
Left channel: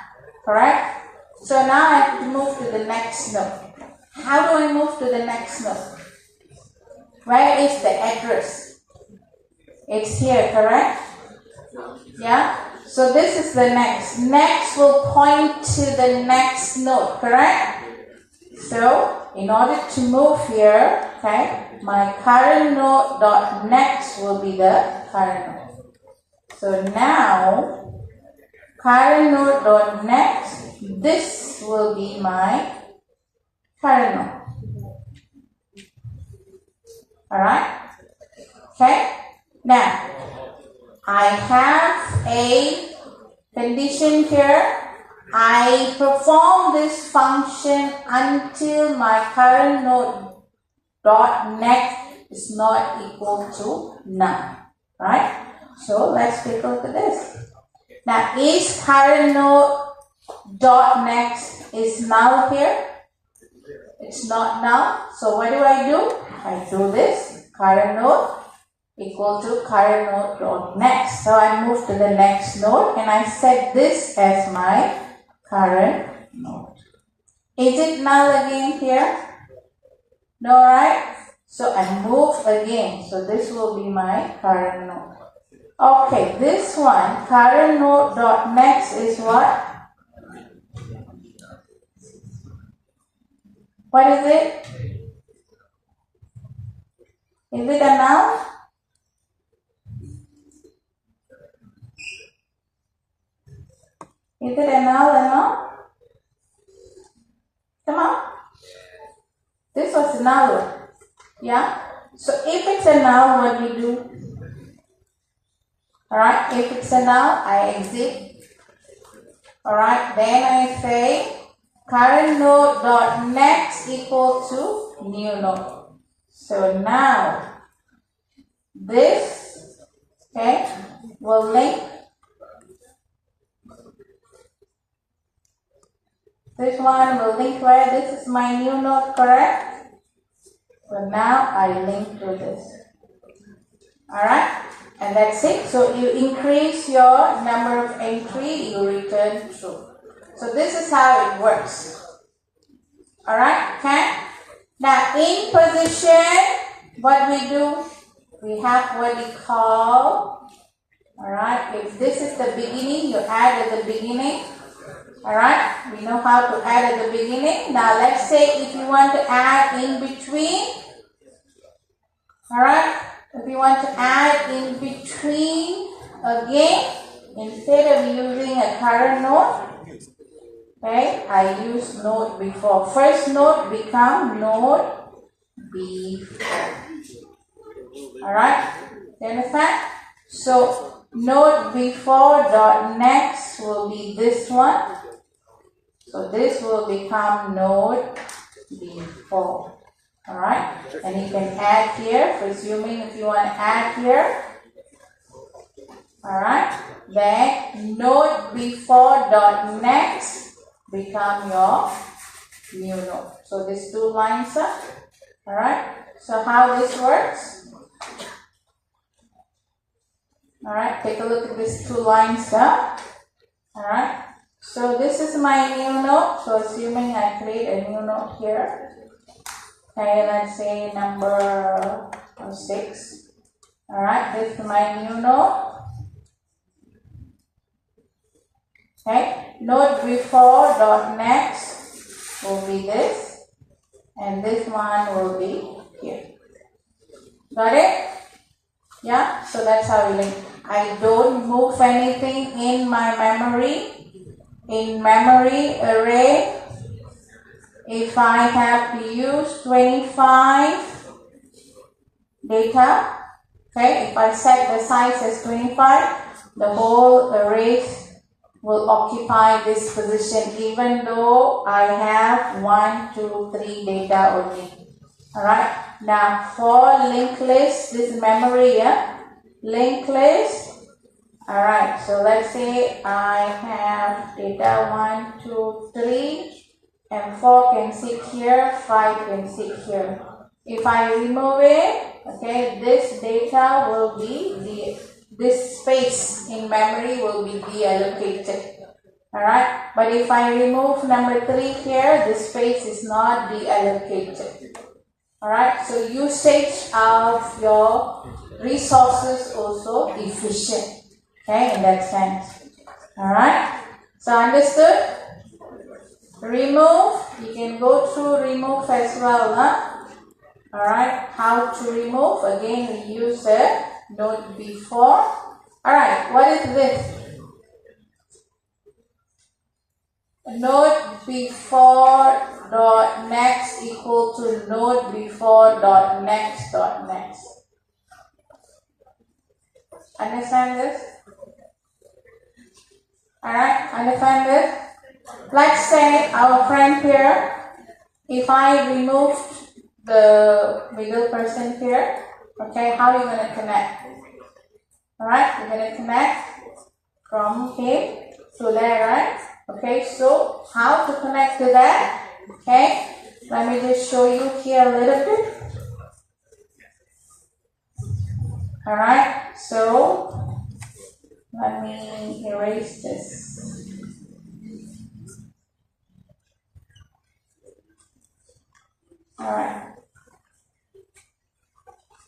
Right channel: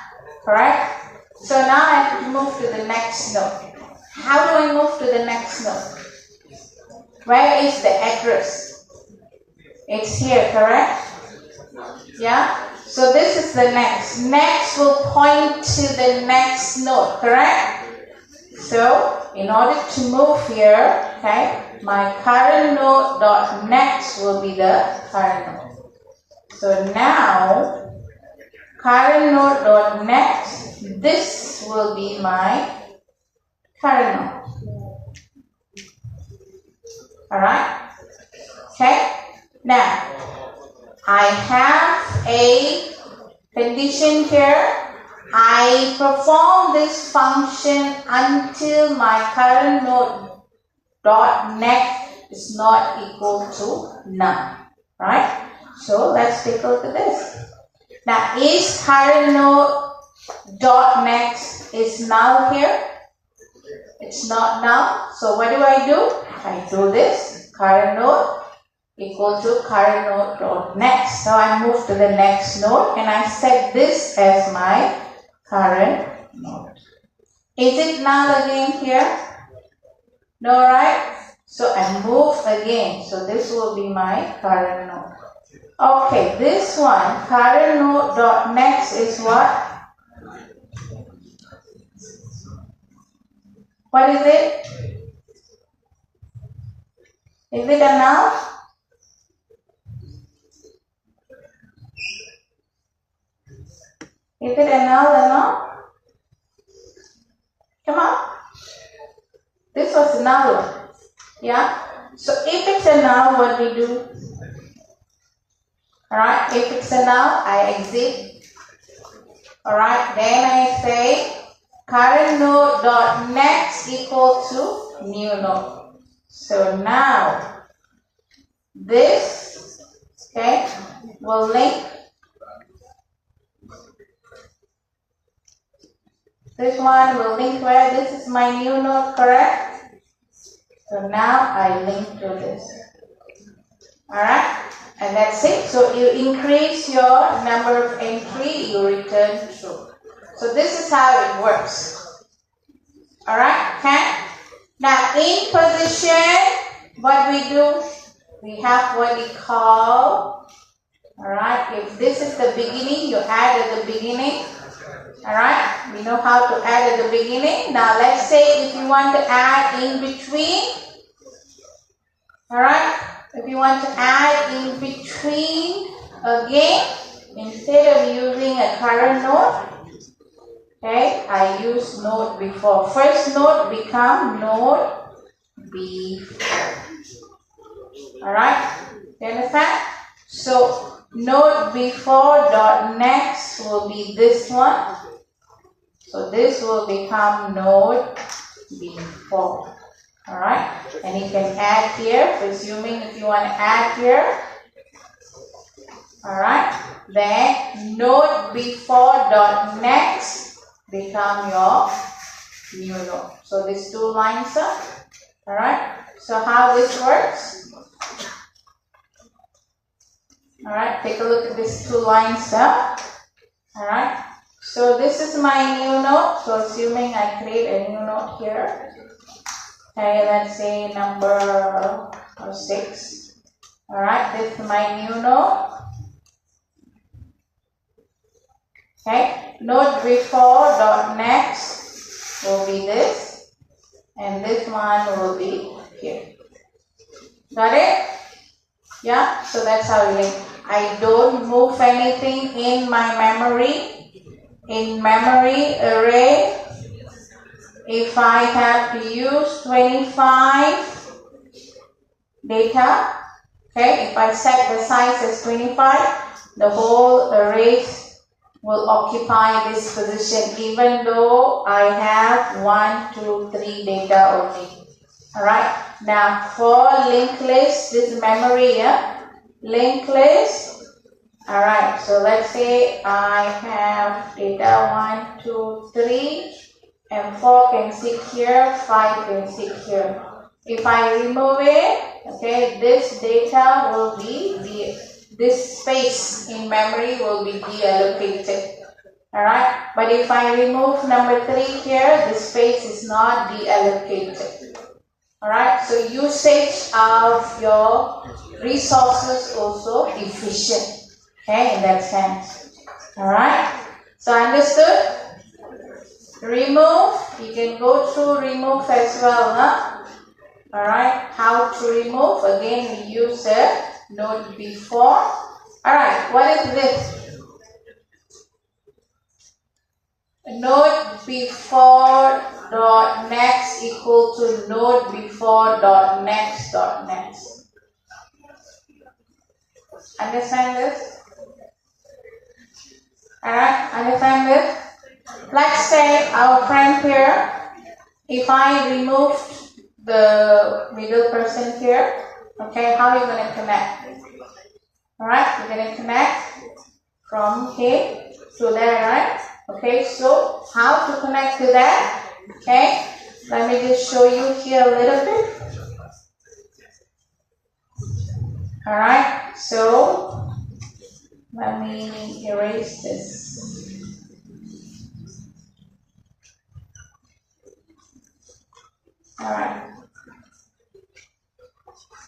Correct? So now I have to move to the next node. How do I move to the next node? Where is the address? It's here, correct? Yeah? So this is the next. Next will point to the next node, correct? So in order to move here, okay, my current node dot next will be the current node. So now current node dot next, this will be my current node. Alright? Okay? Now I have a condition here. I perform this function until my current node dot next is not equal to none. Right? So let's take a look at this. Now is current node dot next is null here? It's not null. So what do? I do this. Current node equal to current node dot next. So I move to the next node and I set this as my current node. Is it null again here? No, right? So I move again. So this will be my current node. Okay, this one, current node dot next is what? What is it? Is it a null? Is it a null or not? Come on. This was a null, Yeah. So if it's a noun, what we do? Alright, if it's a noun, I exit. Alright, then I say current node dot next equal to new node. So now this, okay, will link this one will link where this is my new node, correct? So now I link to this. Alright, and that's it. So you increase your number of entry, you return true. So this is how it works. Alright, okay? Now in position, what we do, we have what we call, alright, if this is the beginning, you add at the beginning. Alright, we know how to add at the beginning. Now let's say if you want to add in between, alright, if you want to add in between again, instead of using a current node, okay, I use node before. First node become node before. Alright, you understand? So node before dot next will be this one. So this will become node before. Alright, and you can add here, presuming if you want to add here. Alright, then node before dot next become your new node. So these two lines are. Alright, so how this works? Alright, take a look at these two lines up. Alright, so this is my new node. So assuming I create a new node here. Okay, let's say number 6. Alright, this is my new node. Okay, node before dot next will be this. And this one will be here. Got it? Yeah, so that's how we link. I don't move anything in my memory. In memory array, if I have to use 25 data, okay, if I set the size as 25, the whole array will occupy this position even though I have 1, 2, 3 data only. Alright, now for linked list, this memory, yeah, linked list. Alright, so let's say I have data 1, 2, 3, and 4 can sit here, 5 can sit here. If I remove it, okay, this data will be this space in memory will be deallocated. Alright, but if I remove number 3 here, the space is not deallocated. Alright, so usage of your resources also efficient. Okay, in that sense. Alright, so understood? Remove, you can go through remove as well, huh? Alright, how to remove? Again, we use the node before. Alright, what is this? Node before dot next equal to node before dot next dot next. Understand this? Alright, understand this? Let's say our friend here, if I removed the middle person here, okay, how are you going to connect? Alright, you're going to connect from here to there, right? Okay, so how to connect to that? Okay, let me just show you here a little bit. Alright, so let me erase this. Alright.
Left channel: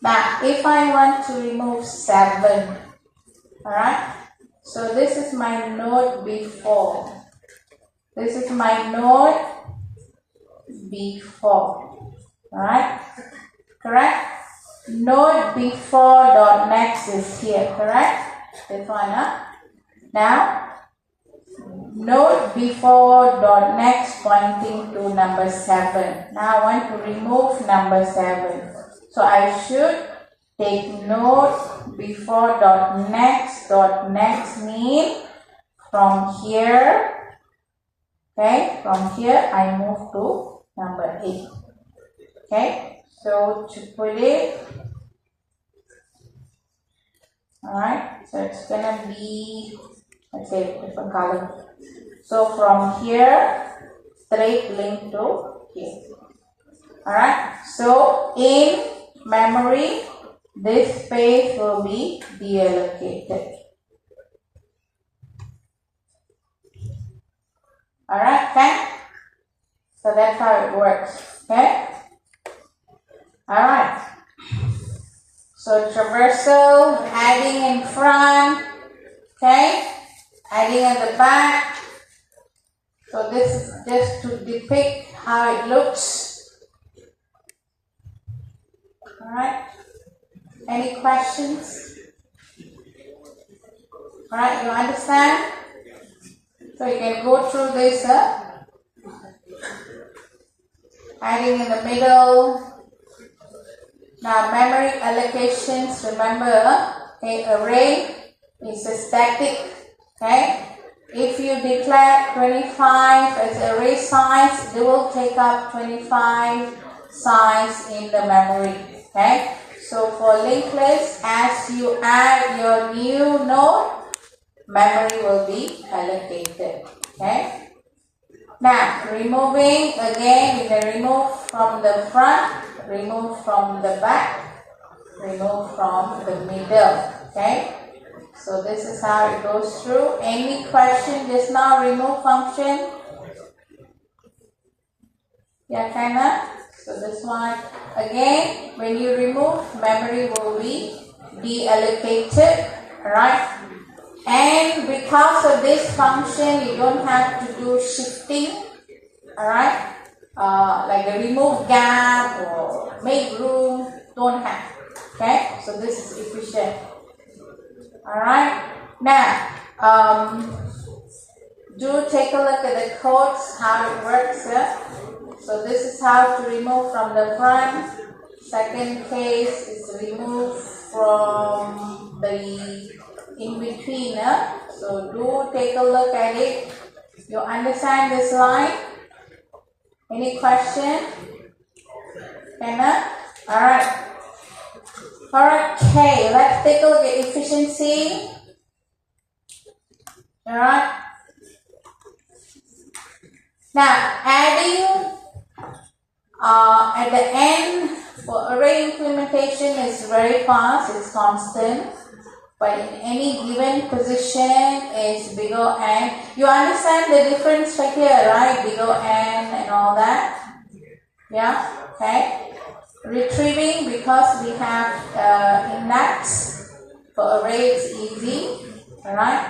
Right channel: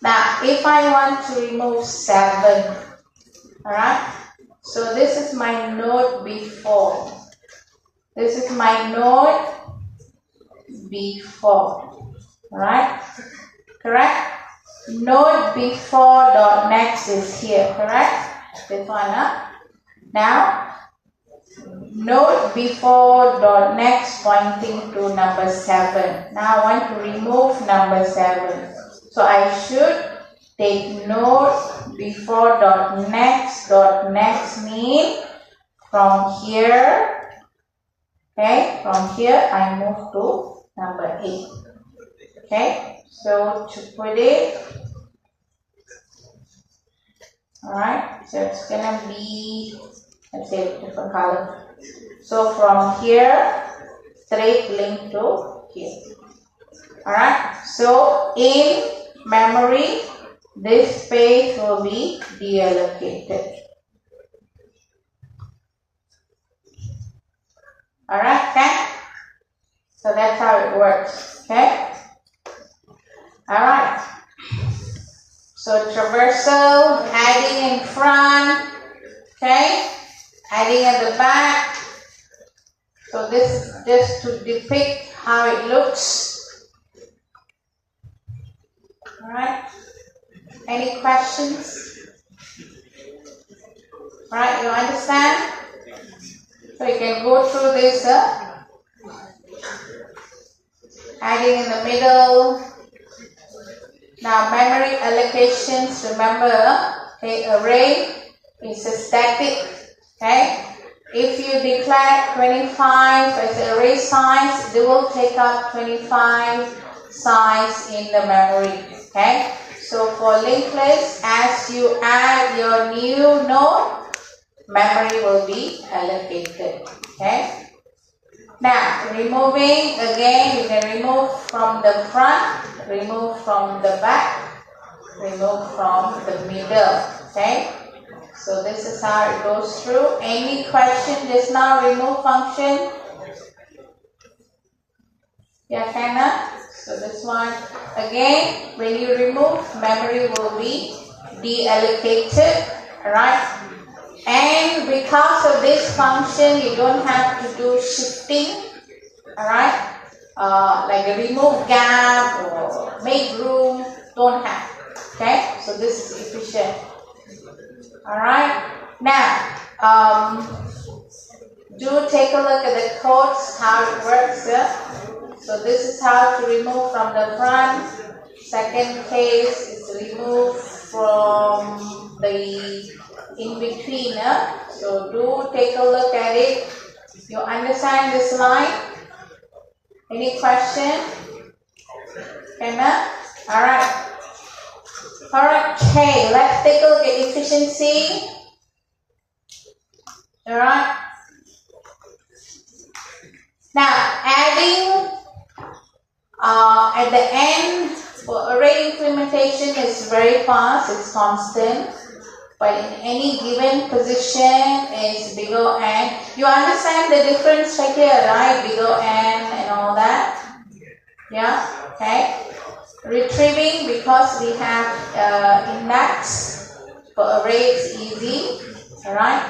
Now, if I want to remove 7, alright, so this is my node before. This is my node before. Alright, correct? Node before dot next is here, correct? This one, huh? Now, node before dot next pointing to number 7. Now I want to remove number 7. So I should take note before dot next. Dot next mean from here, okay, from here I move to number 8. Okay, so to put it, alright, so it's gonna be, let's say, different color. So from here, straight link to here. Alright, so in memory, this space will be deallocated. Alright, okay? So that's how it works, okay? Alright. So traversal, adding in front, okay? Adding at the back. So this is just to depict how it looks. Alright. Any questions? Alright, you understand? So you can go through this, adding in the middle. Now memory allocations, remember, okay, array is a static, okay? If you declare 25 as array size, it will take up 25 size in the memory, okay? So for linked list, as you add your new node, memory will be allocated, okay? Now removing, again you can remove from the front, remove from the back, remove from the middle, okay? So this is how it goes through. Any question just now, remove function? Yeah, kinda. So this one, again, when you remove, memory will be deallocated, alright? And because of this function, you don't have to do shifting, alright? Like a remove gap or make room, don't have, okay? So this is efficient. Alright, now do take a look at the codes, how it works. So this is how to remove from the front. Second case is remove from the in between. So do take a look at it. You understand this line? Any question? Alright. Alright, okay, let's take a look at efficiency. Alright. Now, adding at the end for array implementation is very fast, it's constant. But in any given position is big O and. You understand the difference right here, right? Big O and all that. Yeah, okay. Retrieving, because we have index for array, it's easy. Alright.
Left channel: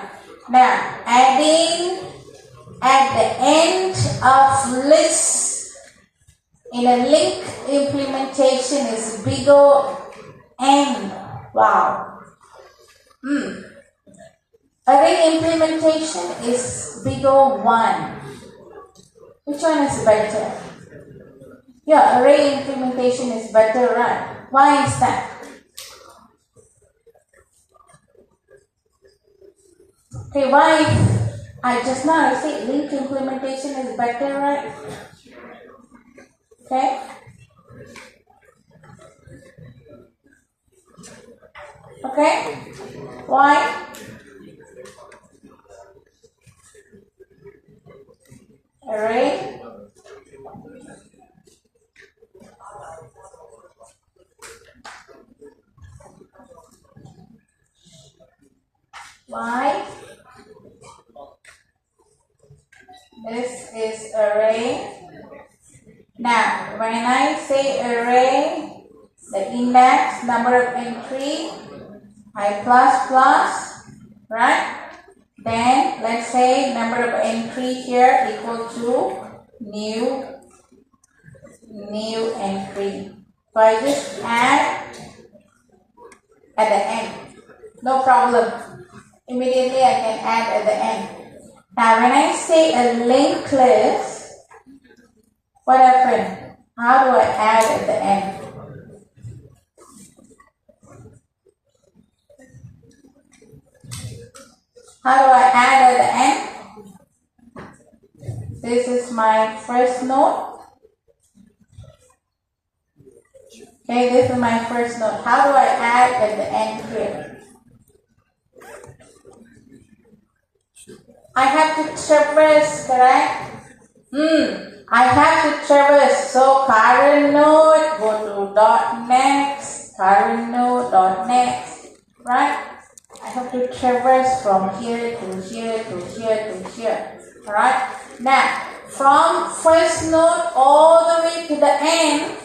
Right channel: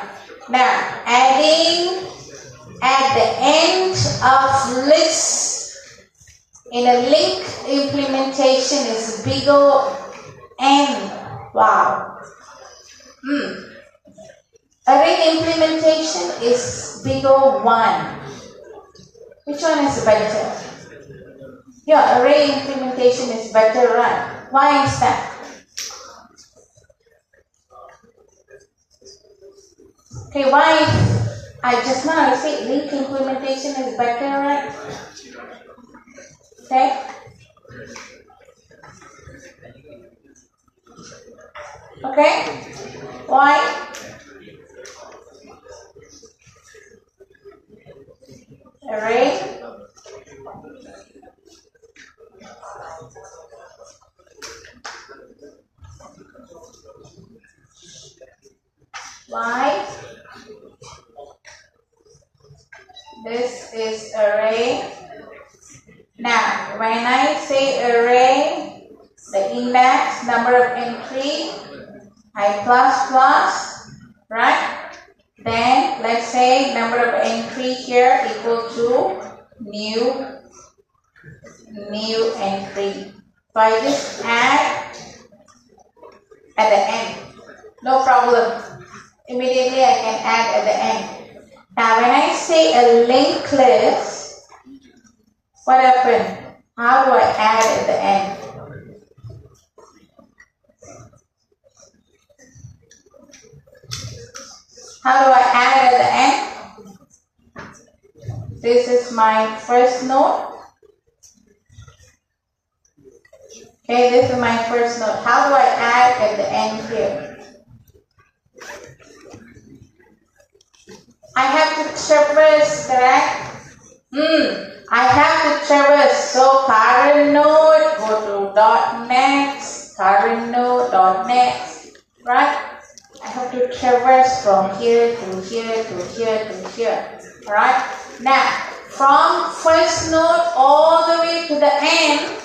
Now, adding at the end of list in a link implementation is big O N. Wow. Array implementation is big O 1. Which one is better? Yeah, array implementation is better, right? Why is that? Okay, why? I just said link implementation is better, right? Okay. Okay. Why? Array. Why? This is array. Now, when I say array, the index, number of entry, I plus, right? Then let's say number of entry here equal to new entry. So I just add at the end. No problem. Immediately I can add at the end. Now when I say a linked list, what happened? How do I add at the end? How do I add at the end? This is my first note. Okay, this is my first note. How do I add at the end here? I have to traverse, correct? I have to traverse. So current node, go to dot next, current node, dot next, right? I have to traverse from here to here to here to here, right? Now, from first node all the way to the end,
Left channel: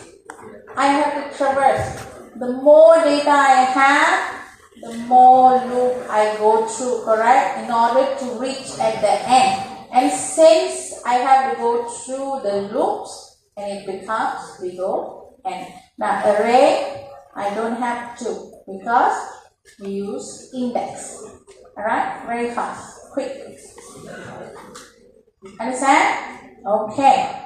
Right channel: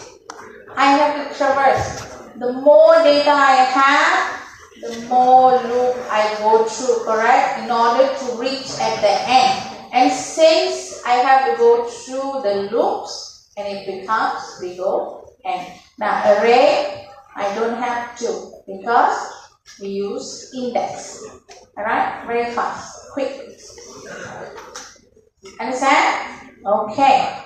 I have to traverse. The more data I have, the more loop I go through, correct? In order to reach at the end. And since I have to go through the loops, and it becomes big O N. Now array, I don't have to because we use index. Alright? Very fast, quick. Understand? Okay.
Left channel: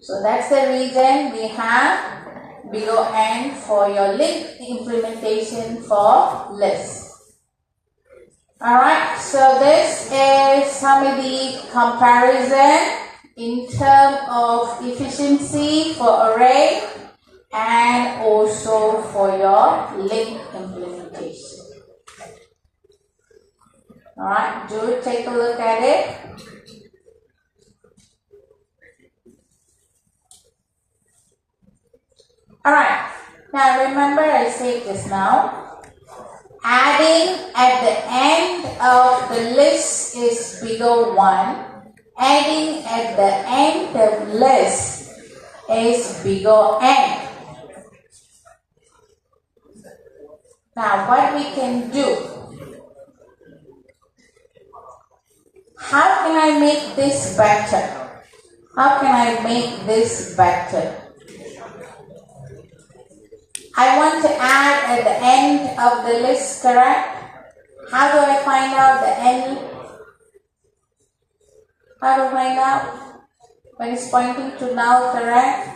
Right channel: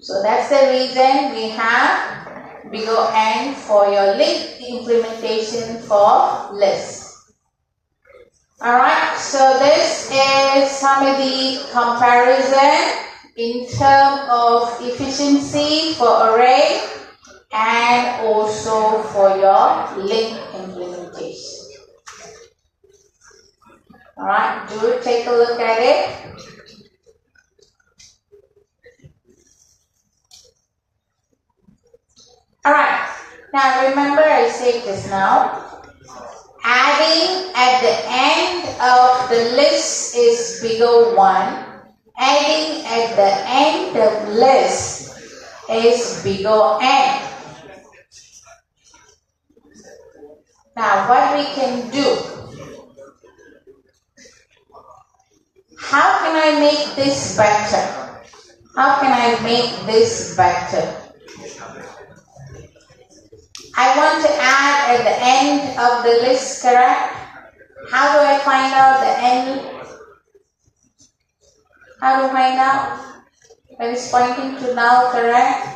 So that's the reason we have big O N for your link implementation for list. Alright, so this is some of the comparison in terms of efficiency for array and also for your link implementation. Alright, do take a look at it. Alright, now remember I said this now. Adding at the end of the list is big O1. Adding at the end of list is big O(n). Now what we can do? How can I make this better? How can I make this better? I want to add at the end of the list, correct? How do I find out the end? How do I find out? When it's pointing to null, correct?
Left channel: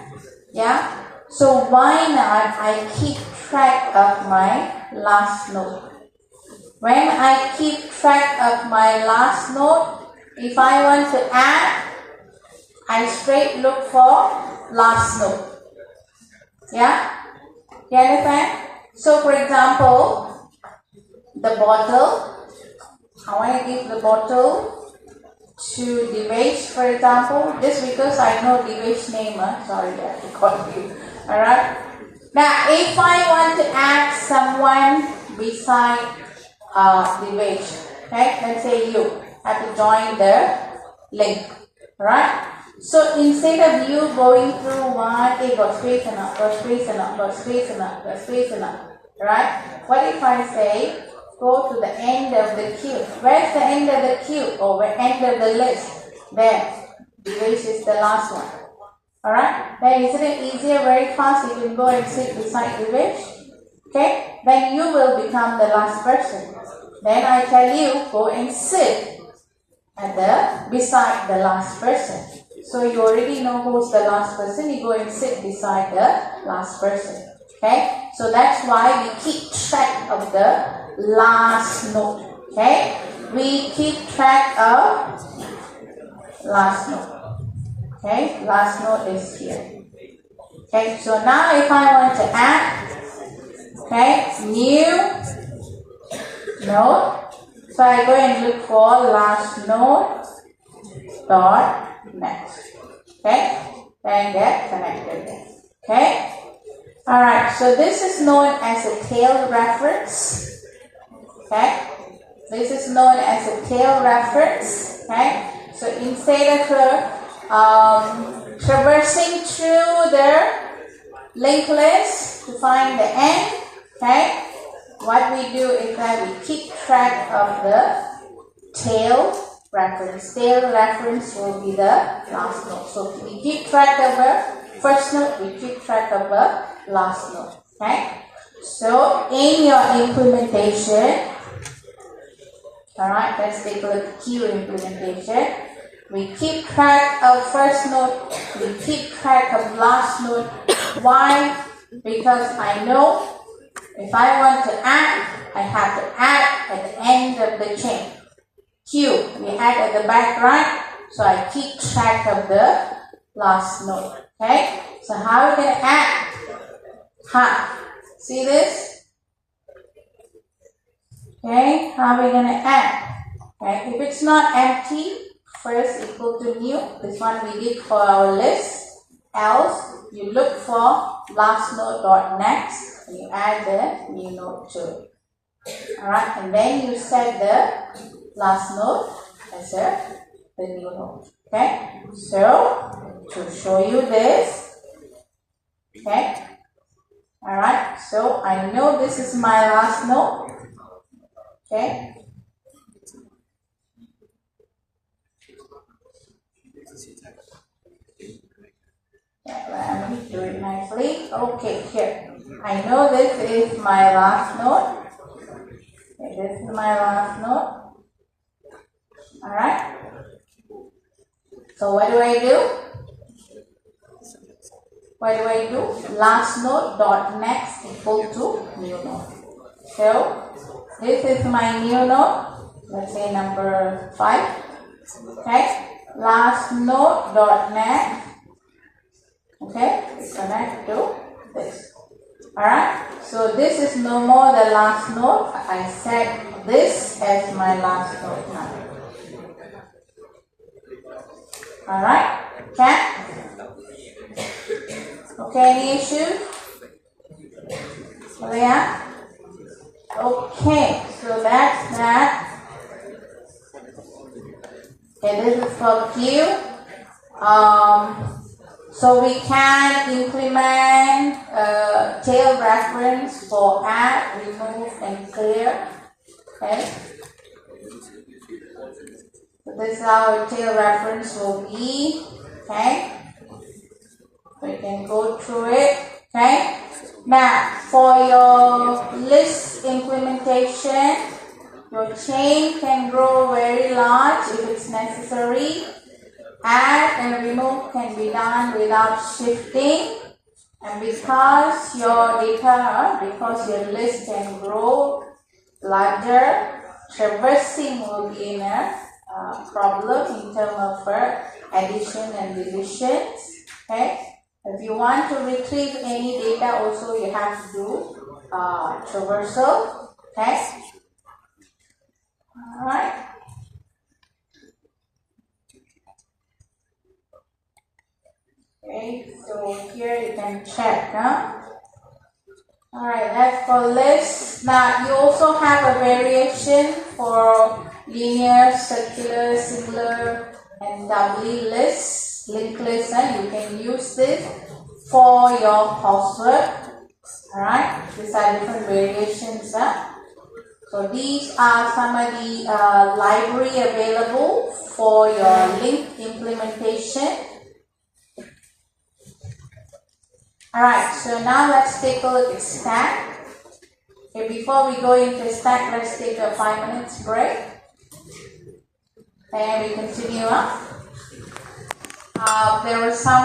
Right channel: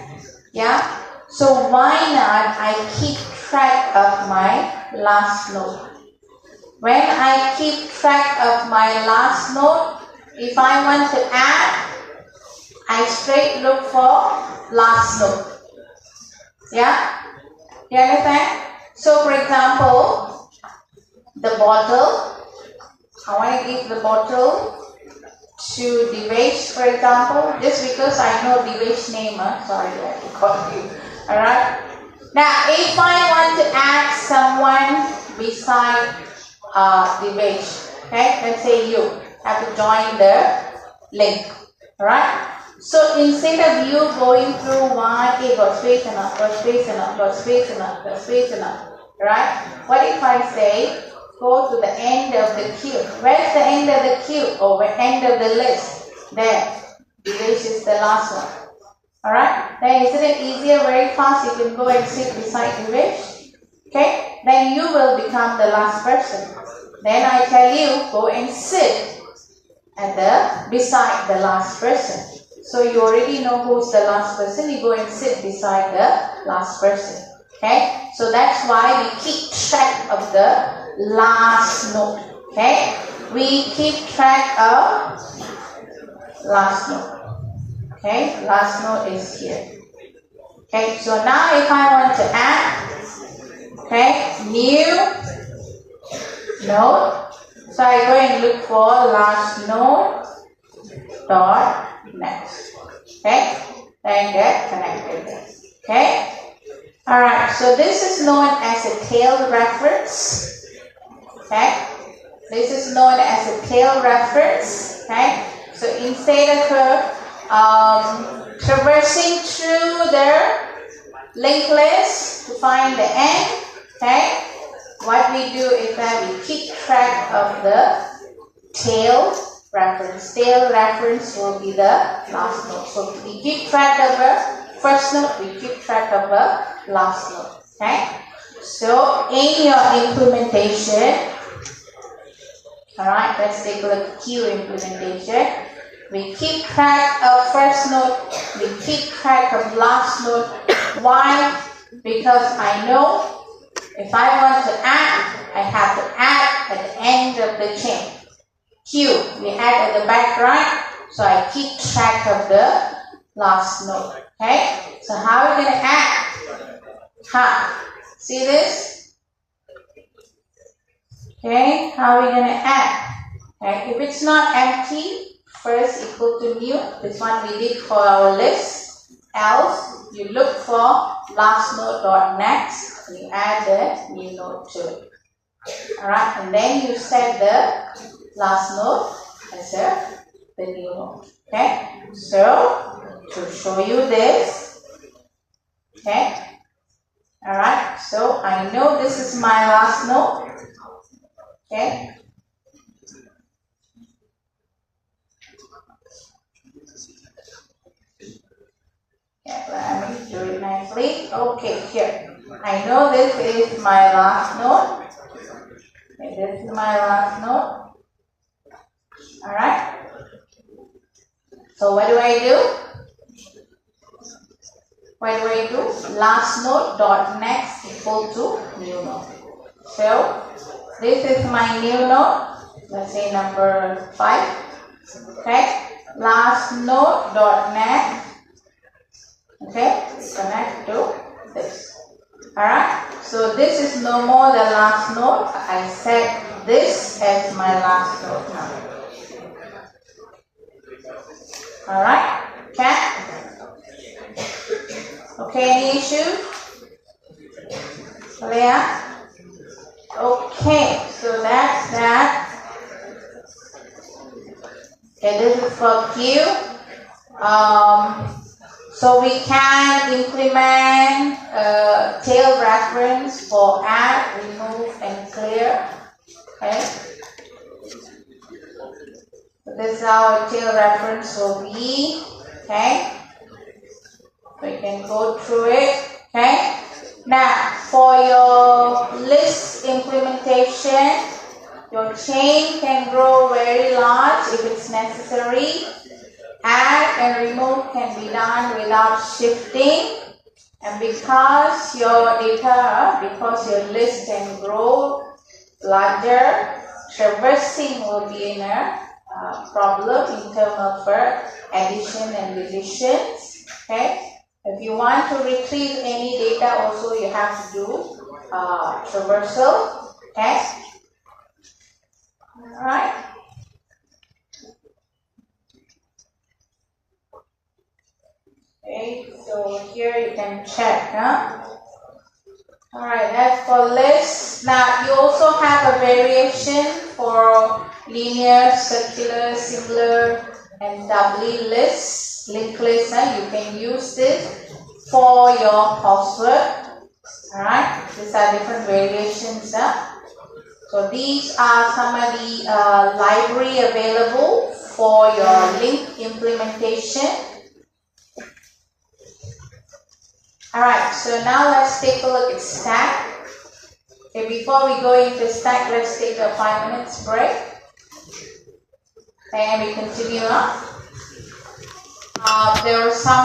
Yeah? So why not I keep track of my last node? When I keep track of my last node, if I want to add, I straight look for last node. Yeah? You understand? So for example, the bottle, I want to give the bottle to Divesh, for example, just because I know Divesh name, sorry, I have to call you. Alright? Now, if I want to add someone beside Divesh, okay, let's say you have to join the link. Alright? So instead of you going through one, got space enough, got space enough, got space enough, got space enough, right? What if I say, go to the end of the queue? Where's the end of the queue? Or the end of the list? There. This is the last one. Alright? Then isn't it easier, very fast, you can go and sit beside Divesh? Okay? Then you will become the last person. Then I tell you, go and sit at beside the last person. So you already know who's the last person, you go and sit beside the last person. Okay? So that's why we keep track of the last node. Okay? We keep track of last node. Okay? Last node is here. Okay? So now if I want to add, okay, new node. So I go and look for last node dot next. Okay? Then get connected. Okay? Alright, so this is known as a tail reference. Okay? This is known as a tail reference. Okay? So instead of traversing through the linked list to find the end, okay? What we do is that we keep track of the tail reference. Tail reference will be the last node. So we keep track of the first node, we keep track of the last node. Okay? So in your implementation, alright, let's take a look at queue implementation. We keep track of first node, we keep track of last node. Why? Because I know if I want to add, I have to add at the end of the the chain. Q, we add at the back, right? So I keep track of the last node. Okay? So how are we going to add? See this? Okay, how are we going to add? Okay, if it's not empty, first equal to new. This one we did for our list. Else, you look for last node dot next. You add the new node to it. Alright, and then you set the last node as the new node. Okay, so to show you this, okay, alright, so I know this is my last node. Okay. Let me do it nicely. Okay, here. I know this is my last node. Okay, this is my last node. Alright. So what do I do? Last node dot next equal to new node. So this is my new node. Let's say number 5. Okay. Last node dot next. Okay, connect to this. Alright, so this is no more the last node. I set this as my last node now. Alright, okay? Okay, any issue? Yeah? Okay, so that's that. Okay, this is for Q. So we can implement tail reference for add, remove, and clear. Okay. So this is how a tail reference will be. Okay. We can go through it. Okay. Now for your list implementation, your chain can grow very large if it's necessary. Add and remove can be done without shifting, and because your list can grow larger, traversing will be in a problem in terms of addition and deletions. Okay, if you want to retrieve any data, also you have to do traversal. Okay, all right. Okay, so here you can check, Alright, that's for lists. Now you also have a variation for linear, circular, singular, and doubly lists, linked lists. You can use this for your coursework. Alright, these are different variations. So these are some of the library available for your link implementation. Alright, so now let's take a look at stack. Okay, before we go into stack, let's take a 5 minutes break. And we continue on. There are some